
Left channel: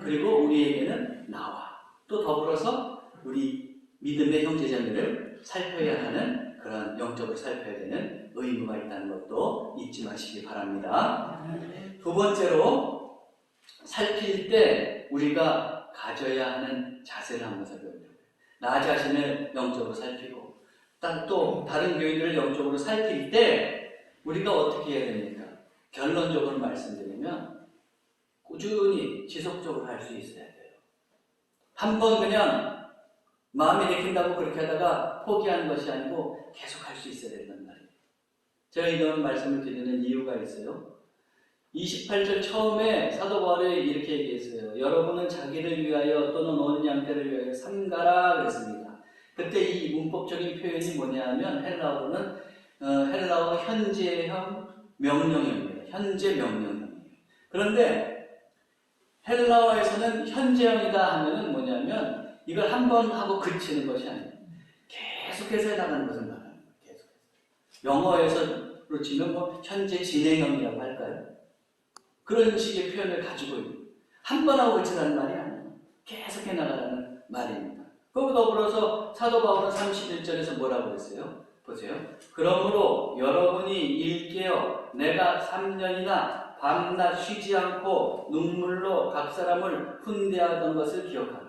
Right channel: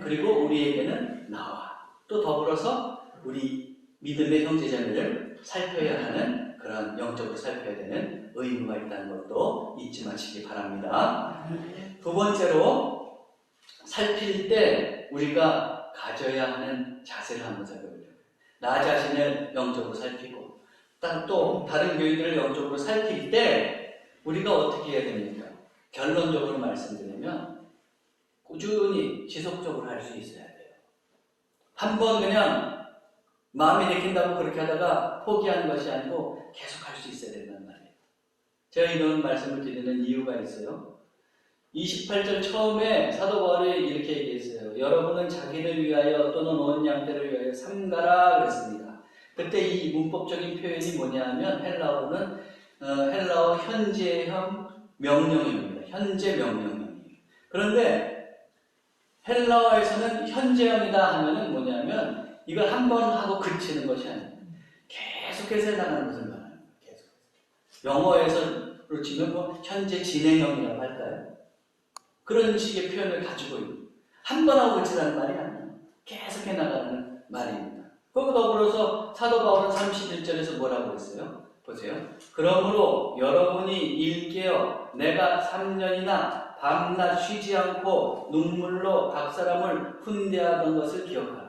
그리고 우리에게는 나와 또 더불어서 우리 믿음의 형제자매를 살펴야 하는 그런 영적으로 살펴야 되는 의무가 있다는 것도 잊지 마시기 바랍니다. 두 번째로 살필 때 우리가 가져야 하는 자세를 한번 살펴보려고요. 나 자신을 영적으로 살피고 또 다른 교인들을 영적으로 살필 때 우리가 어떻게 해야 됩니까? 결론적으로 말씀드리면 꾸준히 지속적으로 할 수 있어야 돼요. 한번 그냥 마음이 내킨다고 그렇게 하다가 포기하는 것이 아니고 계속 할 수 있어야 된단 말이에요. 제가 이런 말씀을 드리는 이유가 있어요. 28절 처음에 사도 바울이 이렇게 얘기했어요. 여러분은 자기를 위하여 또는 온 양떼를 위하여 삼가라 그랬습니다. 그때 이 문법적인 표현이 뭐냐 하면 헬라어 현재형 명령형입니다. 현재 명령형이에요. 그런데 헬라어에서는 현재형이다 하면은 뭐냐면 이걸 한 번 하고 그치는 것이 아니에요. 계속해서 나가는 것을 말하는 거예요. 계속해서. 영어에서로 치면 뭐 현재 진행형이라고 할까요? 그런 식의 표현을 가지고 있는 한 번 하고 그치라는 말이 아니에요. 계속해 나가는 말입니다. 거기에 더불어서 사도 바울은 31절에서 뭐라고 했어요? 보세요. 그러므로 여러분이 일깨어 내가 3년이나 밤낮 쉬지 않고 눈물로 각 사람을 훈대하던 것을 기억하라.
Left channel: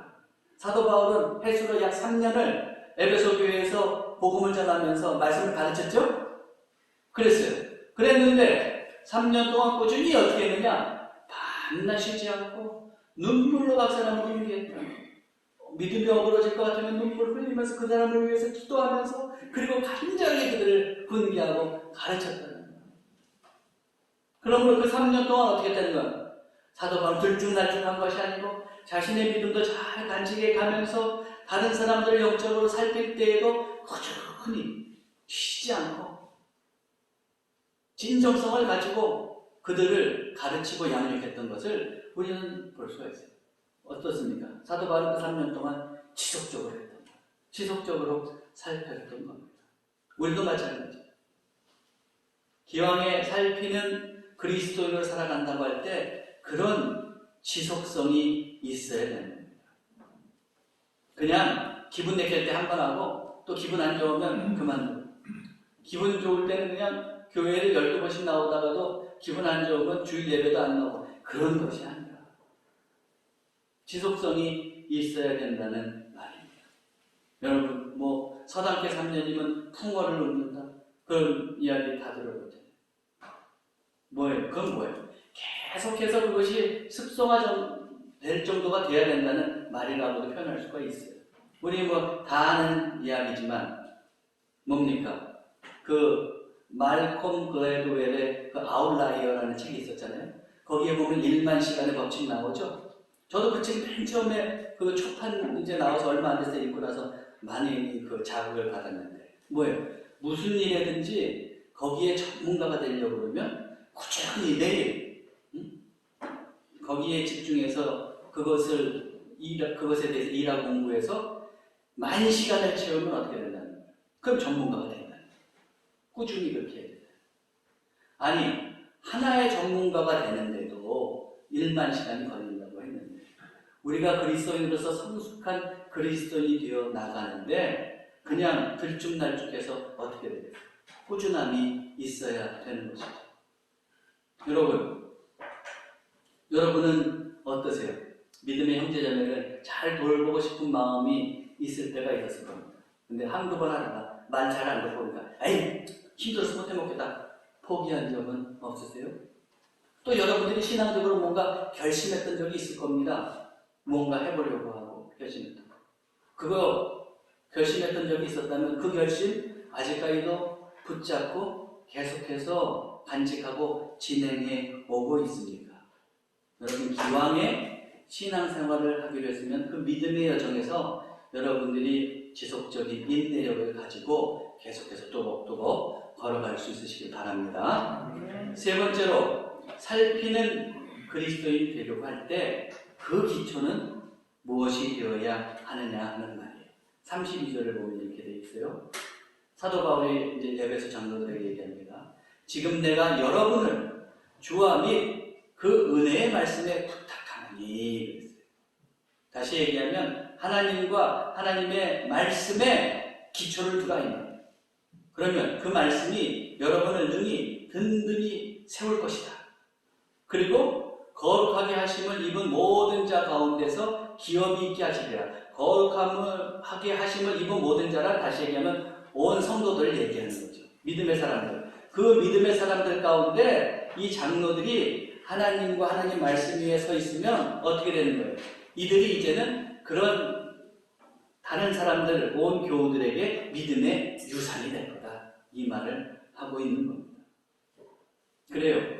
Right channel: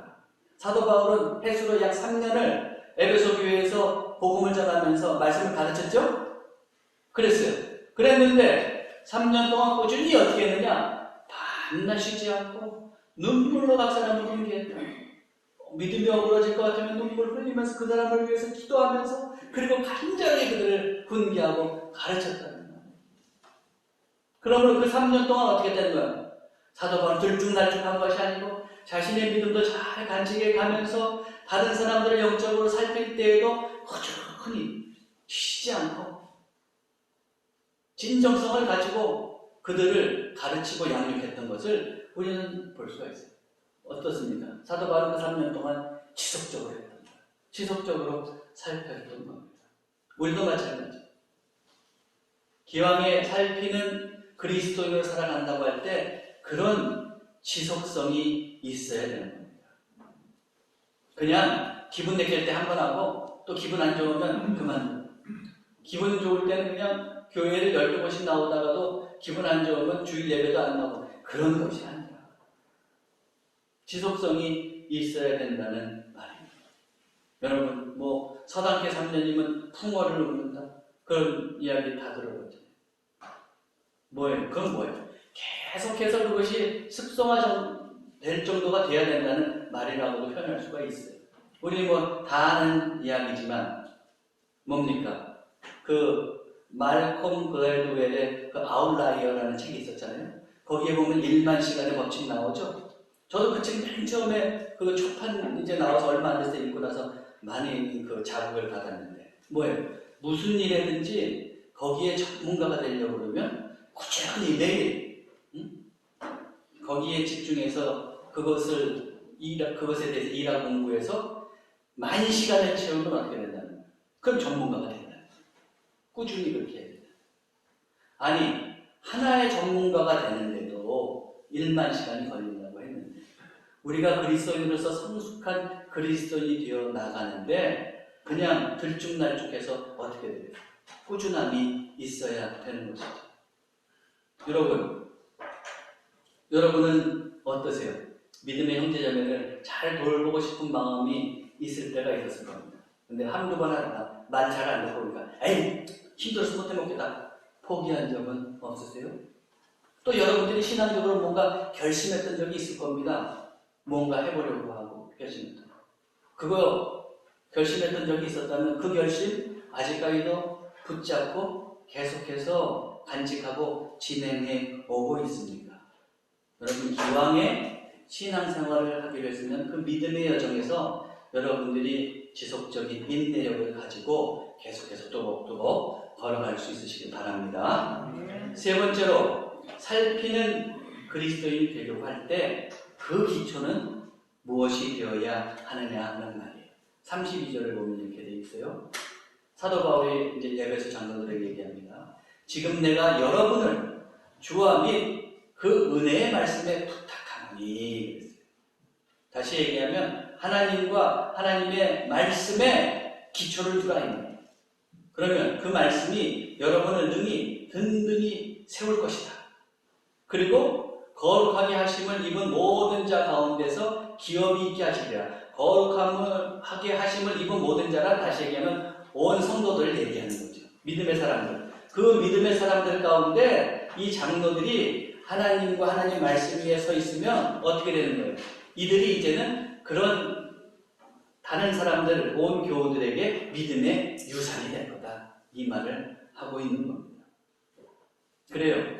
사도 바울은 해수로 약 3년을 에베소 교회에서 복음을 전하면서 말씀을 가르쳤죠? 그랬어요. 그랬는데 3년 동안 꾸준히 어떻게 했느냐? 밤낮 쉬지 않고 눈물로 각 사람을 훈계했다. 믿음이 어그러질 것 같으면 눈물 흘리면서 그 사람을 위해서 기도하면서 그리고 간절히 그들을 훈계하고 가르쳤다는 거예요. 그러므로 그 3년 동안 어떻게 했다는 거예요? 사도 바울은 들쭉날쭉한 것이 아니고 자신의 믿음도 잘 간직해 가면서 다른 사람들을 영적으로 살필 때에도 꾸준히 쉬지 않고 진정성을 가지고 그들을 가르치고 양육했던 것을 우리는 볼 수가 있어요. 어떻습니까? 사도 바울은 그 3년 동안 지속적으로 했던 거예요. 지속적으로 살펴했던 겁니다. 우리도 마찬가지. 기왕에 살피는 그리스도인으로 살아간다고 할 때 그런 지속성이 있어야 되는 겁니다. 그냥 기분 내킬 때 한 번 하고 또 기분 안 좋으면 그만두고 기분 좋을 때는 그냥 교회를 12번씩 나오다가도 기분 안 좋으면 주일 예배도 안 나오고 그런 것이 아니라 지속성이 있어야 된다는 말입니다. 여러분 뭐 서당계 3년이면 풍어를 읊는다 그런 이야기 다 들어봤잖아요. 뭐예요? 그건 뭐예요? 계속해서 그것이 습성화될 정도가 돼야 된다는 말이라고도 표현할 수가 있어요. 우리 뭐 다 아는 이야기지만 뭡니까? 그 말콤 글래드웰의 그 아웃라이어라는 책이 있었잖아요. 거기에 보면 1만 시간의 법칙 나오죠. 저도 그 책 맨 처음에 그 초판 이제 나와서 얼마 안 돼서 읽고 나서 많이 그 자극을 받았는데 뭐예요? 무슨 일이든지 거기에 전문가가 되려고 그러면 꾸준히 매일 거기에 집중해서 그것에 대해서 일하고 공부해서 많은 시간을 채우면 어떻게 된다는 거예요? 그럼 전문가가 된다는 거예요. 꾸준히 그렇게 해야 된다. 아니 하나의 전문가가 되는데도 1만 시간이 걸린다고 했는데 우리가 그리스도인으로서 성숙한 그리스도인이 되어 나가는데 그냥 들쭉날쭉해서 어떻게 돼요? 꾸준함이 있어야 되는 것이죠. 여러분은 어떠세요? 믿음의 형제자매를 잘 돌보고 싶은 마음이 있을 때가 있었을 겁니다. 근데 한두 번 하다가 말 잘 안 듣고 보니까 에이 힘들어서 못해 먹겠다 포기한 적은 없으세요? 또 여러분들이 신앙적으로 뭔가 결심했던 적이 있을 겁니다. 뭔가 해보려고 하고 결심했던 거. 그거 결심했던 적이 있었다면 그 결심 아직까지도 붙잡고 계속해서 간직하고 진행해 오고 있습니까? 여러분 기왕에 신앙생활을 하기로 했으면 그 믿음의 여정에서 여러분들이 지속적인 인내력을 가지고 계속해서 또박또박 걸어갈 수 있으시길 바랍니다. 세 번째로 살피는 그리스도인이 되려고 할 때 그 기초는 무엇이 되어야 하느냐 하는 말이에요. 32절을 보면 이렇게 되어 있어요. 사도 바울이 이제 에베소 장로들에게 얘기합니다. 지금 내가 여러분을 주와 및 그 은혜의 말씀에 부탁하노니. 다시 얘기하면 하나님과 하나님의 말씀에 기초를 두라. 그러면 그 말씀이 여러분을 능히 든든히 세울 것이다. 그리고 거룩하게 하심을 입은 모든 자 가운데서 기업이 있게 하시리라. 거룩하게 하심을 입은 모든 자란 다시 얘기하면 온 성도들을 얘기하는 거죠. 믿음의 사람들. 그 믿음의 사람들 가운데 이 장로들이 하나님과 하나님 말씀 위에 서 있으면 어떻게 되는 거예요? 이들이 이제는 그런 다른 사람들, 온 교우들에게 믿음의 유산이 될 거다. 이 말을 하고 있는 겁니다. 그래요.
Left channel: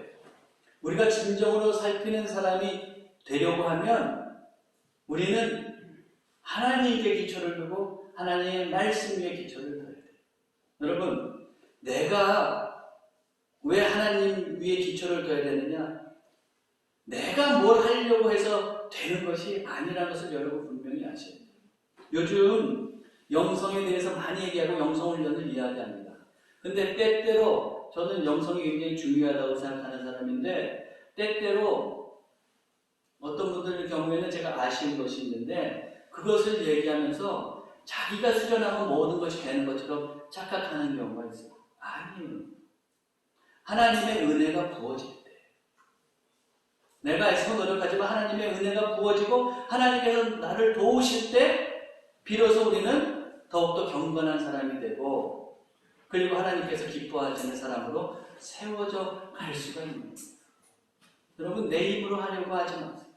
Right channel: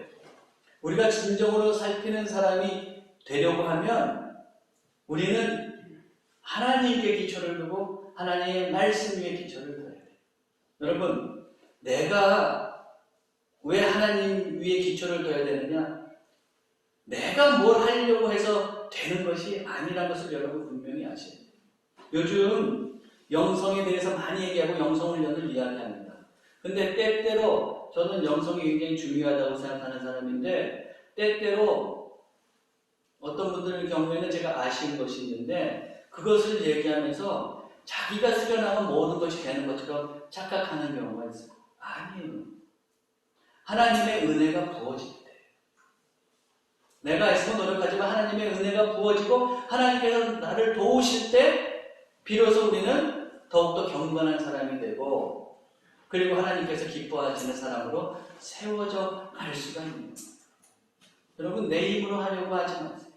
우리가 진정으로 살피는 사람이 되려고 하면 우리는 하나님께 기초를 두고 하나님의 말씀 위에 기초를 둬야 돼요. 여러분, 내가 왜 하나님 위에 기초를 둬야 되느냐? 내가 뭘 하려고 해서 되는 것이 아니라는 것을 여러분 분명히 아셔야 돼요. 요즘 영성에 대해서 많이 얘기하고 영성훈련을 이야기합니다. 근데 때때로 저는 영성이 굉장히 중요하다고 생각하는 사람인데 때때로 어떤 분들의 경우에는 제가 아쉬운 것이 있는데 그것을 얘기하면서 자기가 수련하면 모든 것이 되는 것처럼 착각하는 경우가 있어요. 아니에요. 하나님의 은혜가 부어질 때 내가 애써 노력하지만 하나님의 은혜가 부어지고 하나님께서 나를 도우실 때 비로소 우리는 더욱더 경건한 사람이 되고 그리고 하나님께서 기뻐하시는 사람으로 세워져 갈 수가 있는 겁니다. 여러분 내 힘으로 하려고 하지 마세요.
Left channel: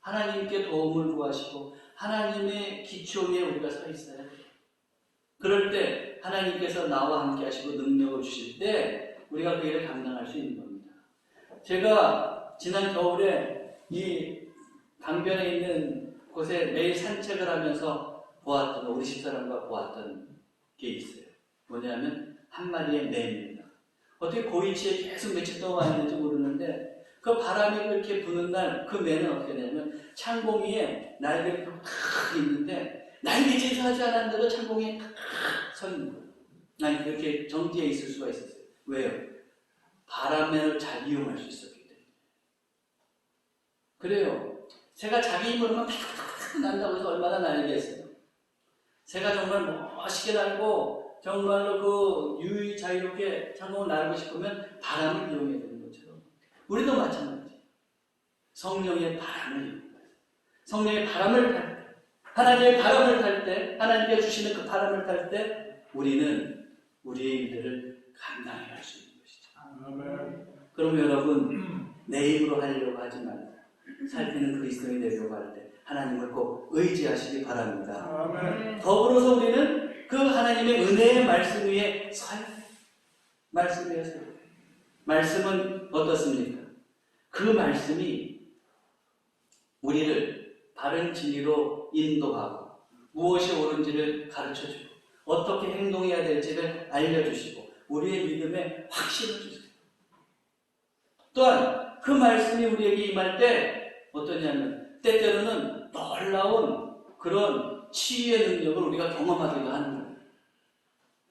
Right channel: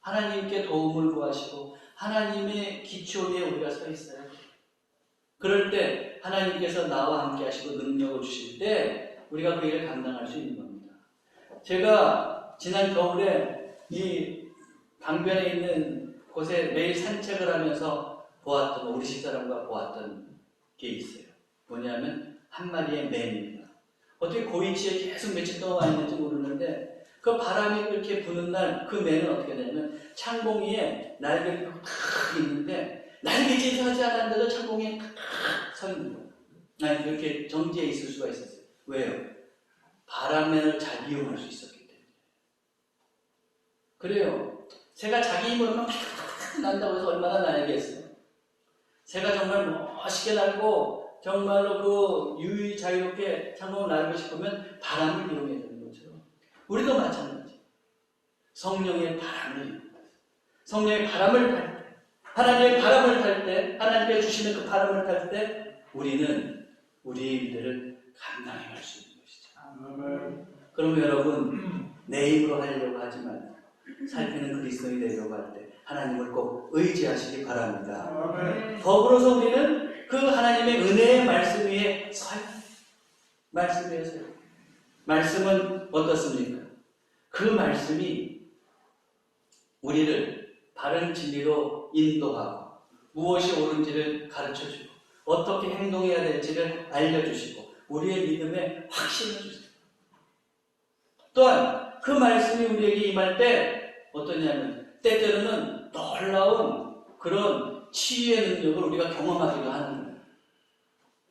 하나님께 도움을 구하시고 하나님의 기초 위에 우리가 서 있어야 돼요. 그럴 때 하나님께서 나와 함께 하시고 능력을 주실 때 우리가 그 일을 감당할 수 있는 겁니다. 제가 지난 겨울에 이 강변에 있는 곳에 매일 산책을 하면서 보았던, 우리 집사람과 보았던 게 있어요. 뭐냐면 한 마리의 매입니다. 어떻게 고위치에 계속 며칠 동안 와 있는지 모르는데 그 바람이 그렇게 부는 날 그 매는 어떻게 되냐면 창공이에 날개가 탁 있는데 날개짓을 하지 않았는데도 창공이에 탁 서 있는 거예요. 난 이렇게 정지해 있을 수가 있었어요. 왜요? 바람을 잘 이용할 수 있었기 때문에. 그래요. 새가 자기 힘으로만 팍팍 난다고 해서 얼마나 날겠어요. 새가 정말 멋있게 날고 정말로 그 유유히 자유롭게 창공을 날고 싶으면 바람을 이용해야 되는 것처럼 우리도 마찬가지. 성령의 바람을 이용합니다. 성령의 바람을 탈 때, 하나님의 바람을 탈 때, 하나님께 주시는 그 바람을 탈 때 우리는 우리의 일들을 감당해 갈 수 있는 것이죠. 그럼 여러분 내 힘으로 하려고 하지 말고 살피는 그리스도인이 되려고 할 때 하나님을 꼭 의지하시기 바랍니다. 더불어서 우리는 그 하나님의 은혜의 말씀 위에 서야 돼요. 말씀 위에 서야 돼요. 말씀은 어떻습니까? 그 말씀이 우리를 바른 진리로 인도하고 무엇이 옳은지를 가르쳐주고 어떻게 행동해야 될지를 알려주시고 우리의 믿음에 확신을 주세요. 또한 그 말씀이 우리에게 임할 때 어떠냐면 때때로는 놀라운 그런 치유의 능력을 우리가 경험하기도 하는 거예요.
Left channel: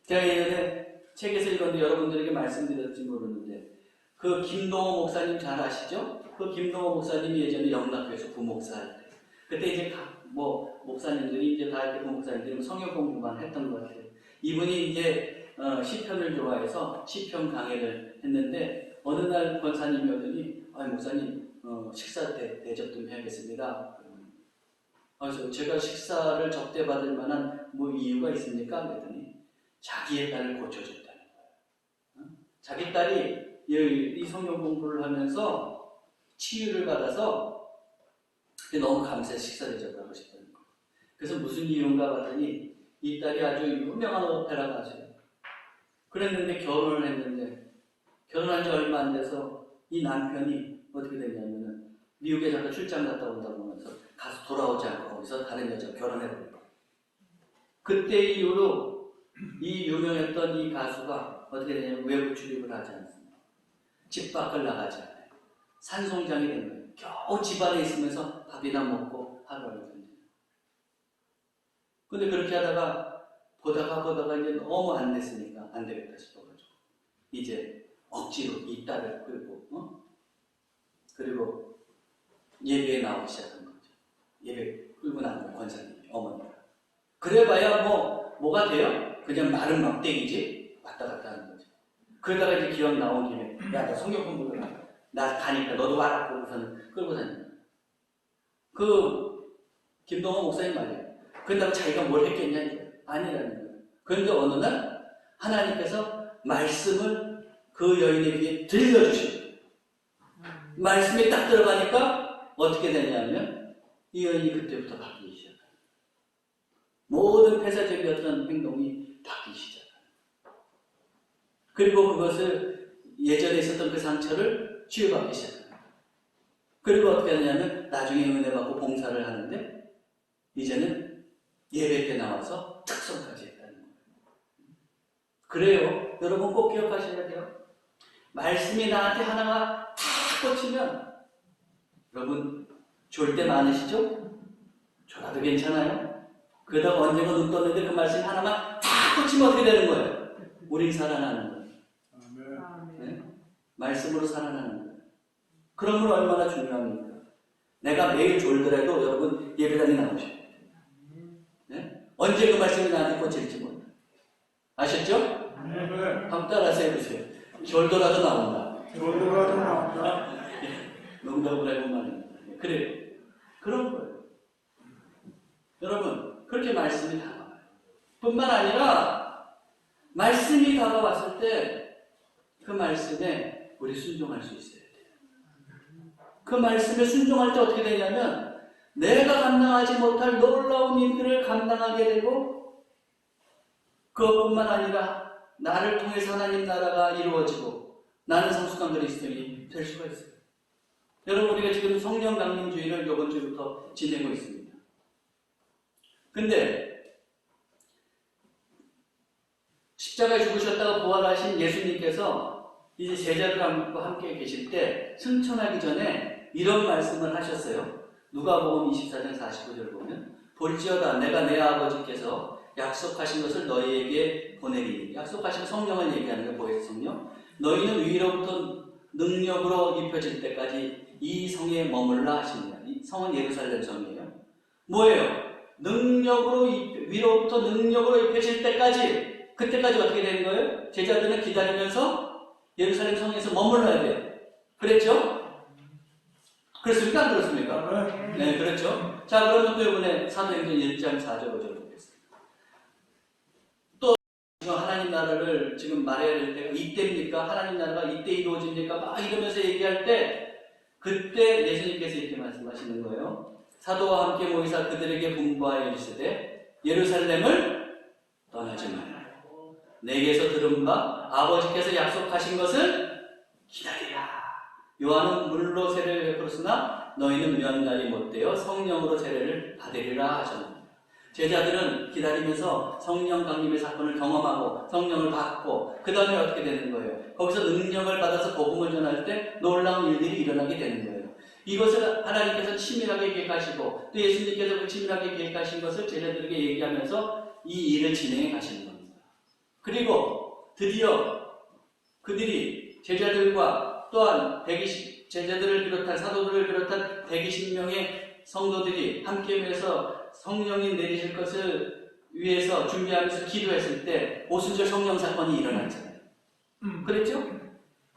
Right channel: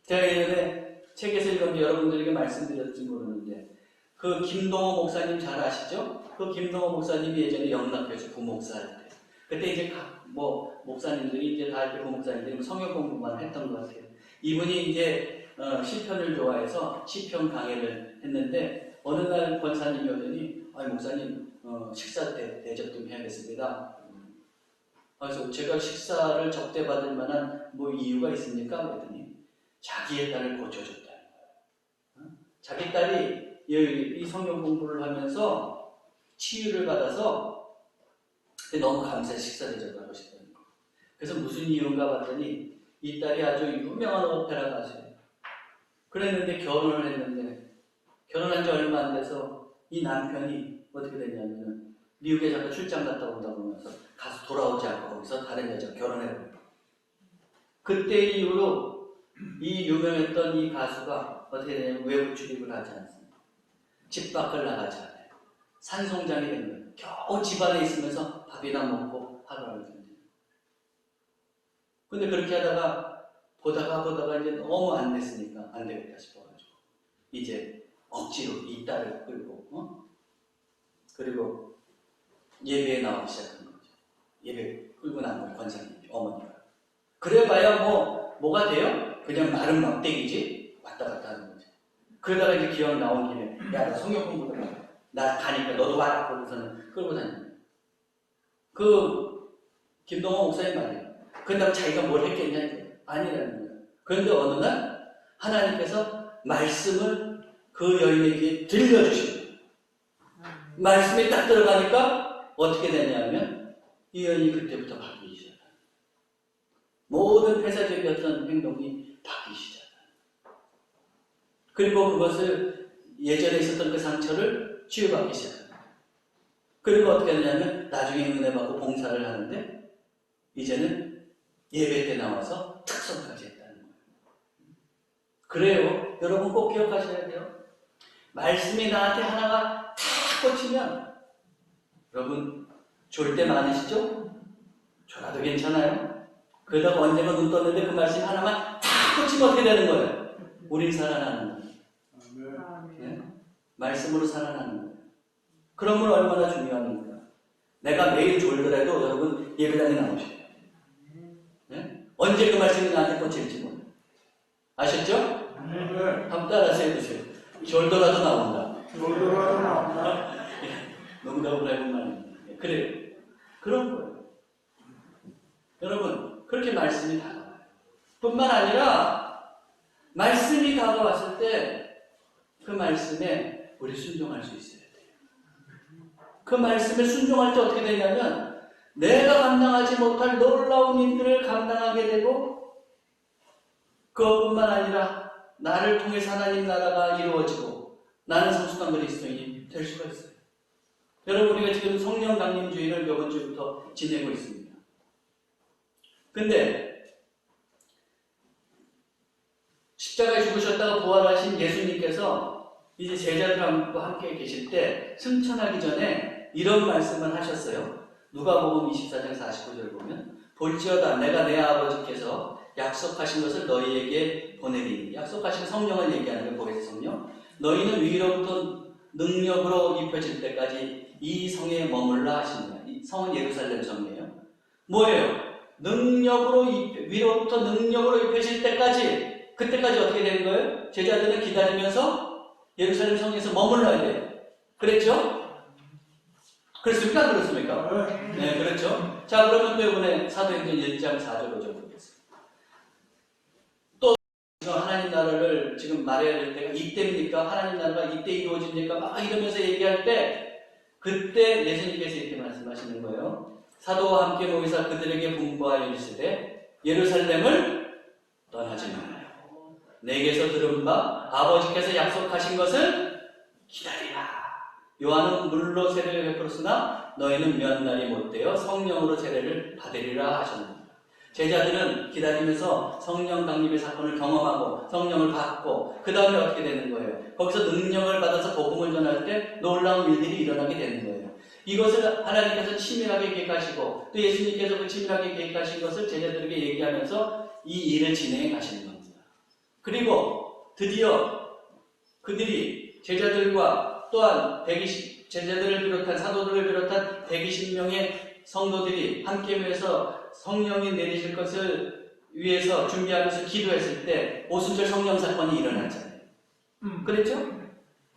제가 예전에 책에서 읽었는데 여러분들에게 말씀드렸지 모르는데 그 김동호 목사님 잘 아시죠? 그 김동호 목사님이 예전에 영락교에서 부목사할 때 그때 이제 각 목사님들이 이제 다 이렇게 부목사님들이 성경 공부만 했던 것 같아요. 이분이 이제 시편을 좋아해서 시편 강해를 했는데 어느 날 권사님이 오더니 목사님 식사 대접 좀 해야겠습니다. 그래서 제가 식사를 접대받을 만한 뭐 이유가 있습니까? 그랬더니 자기의 딸을 고쳐줬다는 거예요. 자기 딸이 이 성경 공부를 하면서 치유를 받아서 너무 감사해 식사 대접하고 싶다는 거예요. 그래서 무슨 이유인가 봤더니 이 딸이 아주 유명한 오페라 가수예요. 그랬는데 결혼을 했는데 결혼한 지 얼마 안 돼서 이 남편이 어떻게 됐냐면은 미국에 잠깐 출장 갔다 온다고 하면서 가서 돌아오지 않고 거기서 다른 여자 결혼해버려요. 그때 이후로 이 유명했던 이 가수가 어떻게 되냐면 외부 출입을 하지 않습니다. 집 밖을 나가지 않아요. 산송장이 된 거예요. 겨우 집안에 있으면서 밥이나 먹고 하루하루 삽니다. 근데 그렇게 하다가 보다가 이제 너무 안 됐으니까 안 되겠다 싶어가지고 이제 억지로 이 딸을 끌고 그리고 예배에 나오기 시작한 거죠. 예배 끌고 나온 거예요. 권사님이 어머니가. 그래봐야 뭐가 돼요? 그냥 마른 막대기지 왔다 갔다 하는 거죠. 그러다가 이제 기왕 나온 김에 야 너 성경 공부를 해. 나 가니까 너도 와라. 그러고서는 끌고 다니는 거예요. 그 김동원 목사님 말이에요. 그런다고 자기가 뭘 했겠냐 이거예요. 아니라는 거예요. 그런데 어느 날 하나님께서 말씀을 그 여인의 귀에 들려주시고 말씀이 딱 들어가니까 어떻게 되냐면 이 여인이 그때부터 바뀌기 시작합니다. 모든 폐쇄적인 어떤 행동이 바뀌기 시작합니다. 그리고 그것을 예전에 있었던 그 상처를 치유받기 시작합니다. 그리고 어떻게 하냐면 나중에 은혜 받고 봉사를 하는데 이제는 예배 때 나와서 특성까지 했다는 거예요. 그래요. 여러분 꼭 기억하셔야 돼요. 말씀이 나한테 하나가 다 꽂히면 여러분 졸 때 많으시죠? 졸아도 괜찮아요. 그러다가 언젠가 눈 떴는데 그 말씀이 하나만 다 꽂히면 어떻게 되는 거예요? 우린 살아나는 거예요. 네? 말씀으로 살아나는 거예요. 그런 건 얼마나 중요합니까? 내가 매일 졸더라도 여러분 예배당에 나오셔야 돼요. 네? 언제 그 말씀이 나한테 꽂힐지 몰라요. 아셨죠? 한번 따라서 해보세요. 졸더라도 나온다. 농담을 해본 말입니다. 그래요. 그런 거예요. 여러분, 그렇게 말씀이 다가와요. 뿐만 아니라, 말씀이 다가왔을 때, 그 말씀에 우리 순종할 수 있어야 돼요. 그 말씀에 순종할 때 어떻게 되냐면, 내가 감당하지 못할 놀라운 일들을 감당하게 되고, 그것뿐만 아니라, 나를 통해서 하나님 나라가 이루어지고, 나는 성숙한 그리스도인이 될 수가 있어요. 여러분, 우리가 지금 성령 강림주의를 이번 주부터 지내고 있습니다. 근데 십자가에 죽으셨다가 부활하신 예수님께서 이제 제자들과 함께 계실 때 승천하기 전에 이런 말씀을 하셨어요. 누가복음 24장 49절 보면 볼지어다 내가 내 아버지께서 약속하신 것을 너희에게 보내리니 약속하신 성령을 얘기하는 게 뭐겠어요? 성령? 너희는 위로부터 능력으로 입혀질 때까지 이 성에 머물라 하십니다. 이 성은 예루살렘 성이에요. 뭐예요? 위로부터 능력으로 입혀질 때까지, 그때까지 어떻게 되는 거예요? 제자들은 기다리면서 예루살렘 성에서 머물러야 돼요. 그랬죠? 그렇습니까? 안 그렇습니까? 네, 그렇죠. 자, 그러면 또 이번에 사도행전 1장 4절 5절 보겠습니다. 또 하나님 나라를 지금 말해야 될 때가 이때입니까? 하나님 나라가 이때 이루어집니까? 막 이러면서 얘기할 때 그때 예수님께서 이렇게 말씀하시는 거예요. 사도와 함께 모이사 그들에게 분부하여 이르시되 예루살렘을 떠나지 말아요. 내게서 들은 바 아버지께서 약속하신 것을 기다리라. 요한은 물로 세례를 베풀었으나 너희는 면날이 못되어 성령으로 세례를 받으리라 하셨습니다. 제자들은 기다리면서 성령 강림의 사건을 경험하고 성령을 받고 그 다음에 어떻게 되는 거예요? 거기서 능력을 받아서 복음을 전할 때 놀라운 일들이 일어나게 되는 거예요. 이것을 하나님께서 치밀하게 계획하시고 또 예수님께서 그 치밀하게 계획하신 것을 제자들에게 얘기하면서 이 일을 진행해 가시는 겁니다. 그리고 드디어 그들이 제자들과 또한 제자들을 비롯한 사도들을 비롯한 120명의 성도들이 함께 모여서 성령이 내리실 것을 위해서 준비하면서 기도했을 때 오순절 성령 사건이 일어났잖아요. 그랬죠?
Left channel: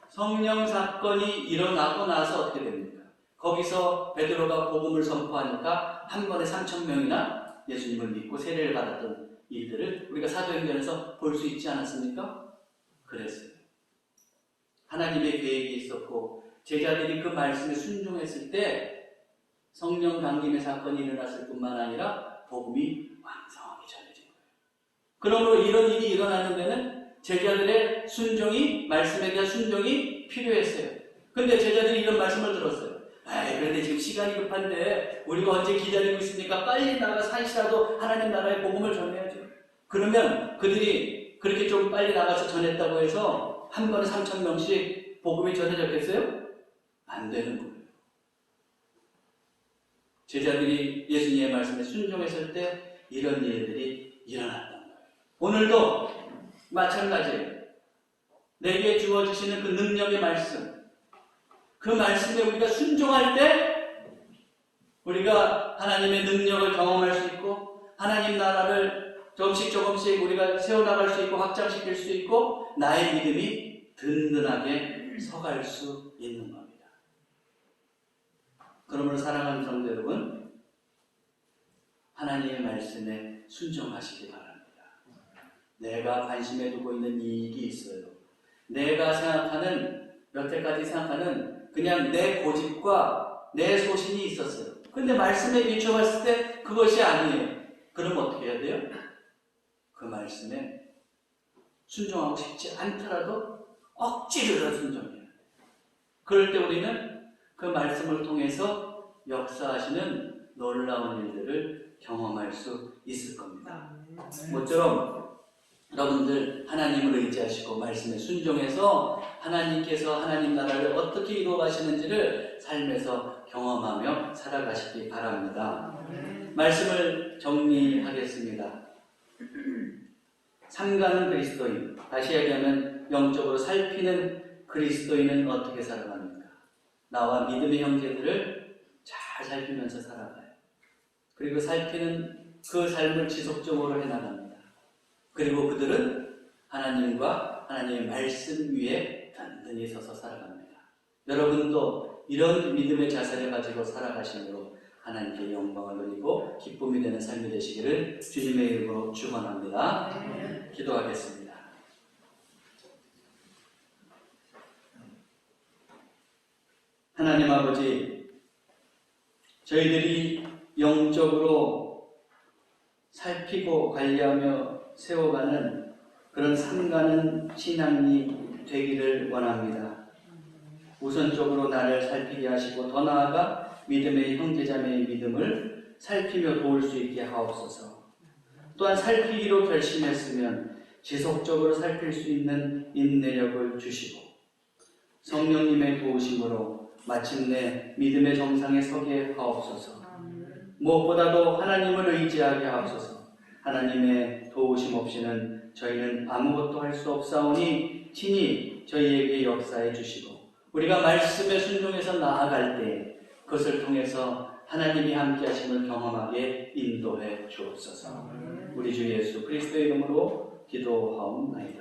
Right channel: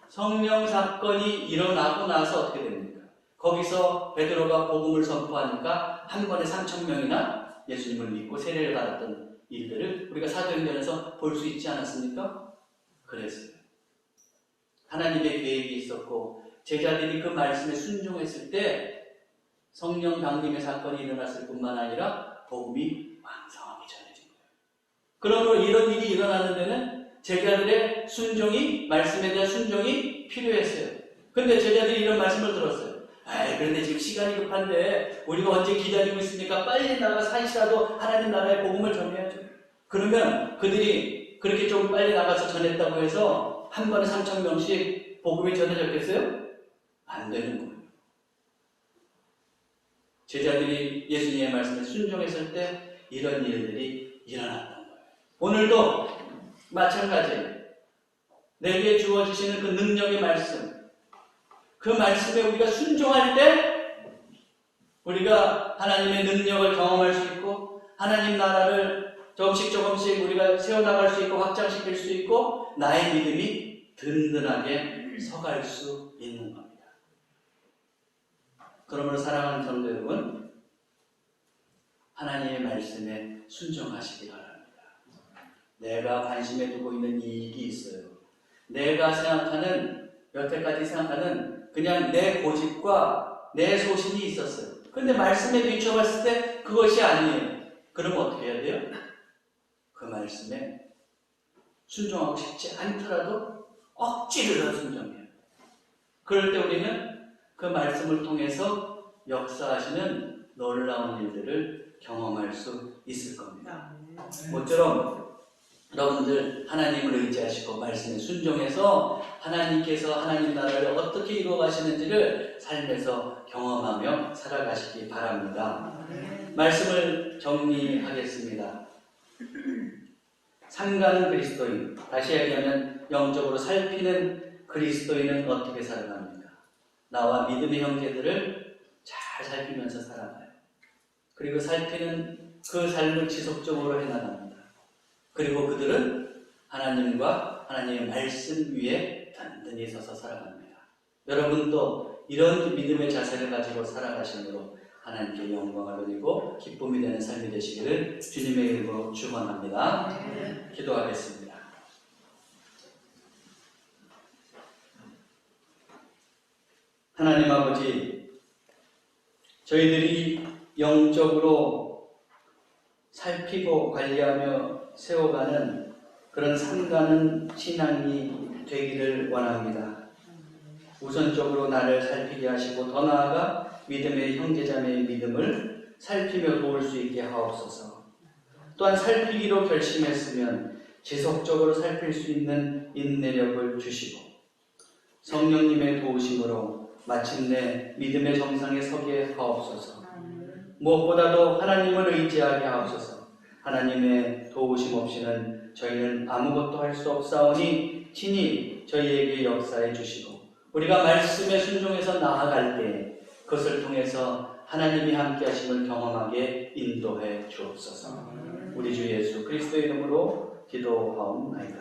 성령 사건이 일어나고 나서 어떻게 됩니까? 거기서 베드로가 복음을 선포하니까 한 번에 3,000명이나 예수님을 믿고 세례를 받았던 일들을 우리가 사도행전에서 볼 수 있지 않았습니까? 그랬어요. 하나님의 계획이 있었고 제자들이 그 말씀에 순종했을 때 성령 강림의 사건이 일어났을 뿐만 아니라 복음이 왕성하게 전해진 거예요. 그러므로 이런 일이 일어나는 데는 제자들의 순종이, 말씀에 대한 순종이 필요했어요. 근데 제자들이 이런 말씀을 들었어요. 그런데 지금 시간이 급한데 우리가 언제 기다리고 있습니까? 빨리 나가서 한시라도 하나님 나라의 복음을 전해야죠. 그러면 그들이 그렇게 좀 빨리 나가서 전했다고 해서 한 번에 3,000명씩 복음이 전해졌겠어요? 안 되는 거예요. 제자들이 예수님의 말씀에 순종했을 때 이런 일들이 일어났던 거예요. 오늘도 마찬가지예요. 내게 주어지시는 그 능력의 말씀, 그 말씀에 우리가 순종할 때 우리가 하나님의 능력을 경험할 수 있고 하나님 나라를 조금씩 우리가 세워나갈 수 있고 확장시킬 수 있고 나의 믿음이 든든하게 서갈 수 있는 겁니다. 그러므로 사랑하는 성도 여러분, 하나님의 말씀에 순종하시기 바랍니다. 내가 관심에 두고 있는 이익이 있어요. 내가 생각하는, 여태까지 생각하는 그냥 내 고집과 내 소신이 있었어요. 근데 말씀에 비춰봤을 때 그것이 아니에요. 그럼 어떻게 해야 돼요? 그 말씀에 순종하고 싶지 않더라도 억지로라도 순종해요. 그럴 때 우리는 그 말씀을 통해서 역사하시는 놀라운 일들을 경험할 수 있을 겁니다. 모처럼 여러분들 하나님을 의지하시고 말씀에 순종해서 하나님께서 하나님 나라를 어떻게 이루어 가시는지를 삶에서 경험하며 살아가시기 바랍니다. 말씀을 정리하겠습니다. 삼가는 그리스도인, 다시 얘기하면 영적으로 살피는 그리스도인은 어떻게 살아갑니까? 나와 믿음의 형제들을 잘 살피면서 살아가요. 그리고 살피는 그 삶을 지속적으로 해나갑니다. 그리고 그들은 하나님과 하나님의 말씀 위에 단단히 서서 살아갑니다. 여러분도 이런 믿음의 자세를 가지고 살아가심으로 하나님께 영광을 돌리고 기쁨이 되는 삶이 되시기를 주님의 이름으로 축원합니다. 기도하겠습니다. 하나님 아버지, 저희들이 영적으로 살피고 관리하며 세워가는 그런 삼가는 신앙이 되기를 원합니다. 우선적으로 나를 살피게 하시고 더 나아가 믿음의 형제자매의 믿음을 살피며 도울 수 있게 하옵소서. 또한 살피기로 결심했으면 지속적으로 살필 수 있는 인내력을 주시고 성령님의 도우심으로 마침내 믿음의 정상에 서게 하옵소서. 무엇보다도 하나님을 의지하게 하옵소서. 하나님의 도우심 없이는 저희는 아무것도 할 수 없사오니 친히 저희에게 역사해 주시고 우리가 말씀에 순종해서 나아갈 때 그것을 통해서 하나님이 함께 하심을 경험하게 인도해 주옵소서. 우리 주 예수 그리스도의 이름으로 기도하옵나이다.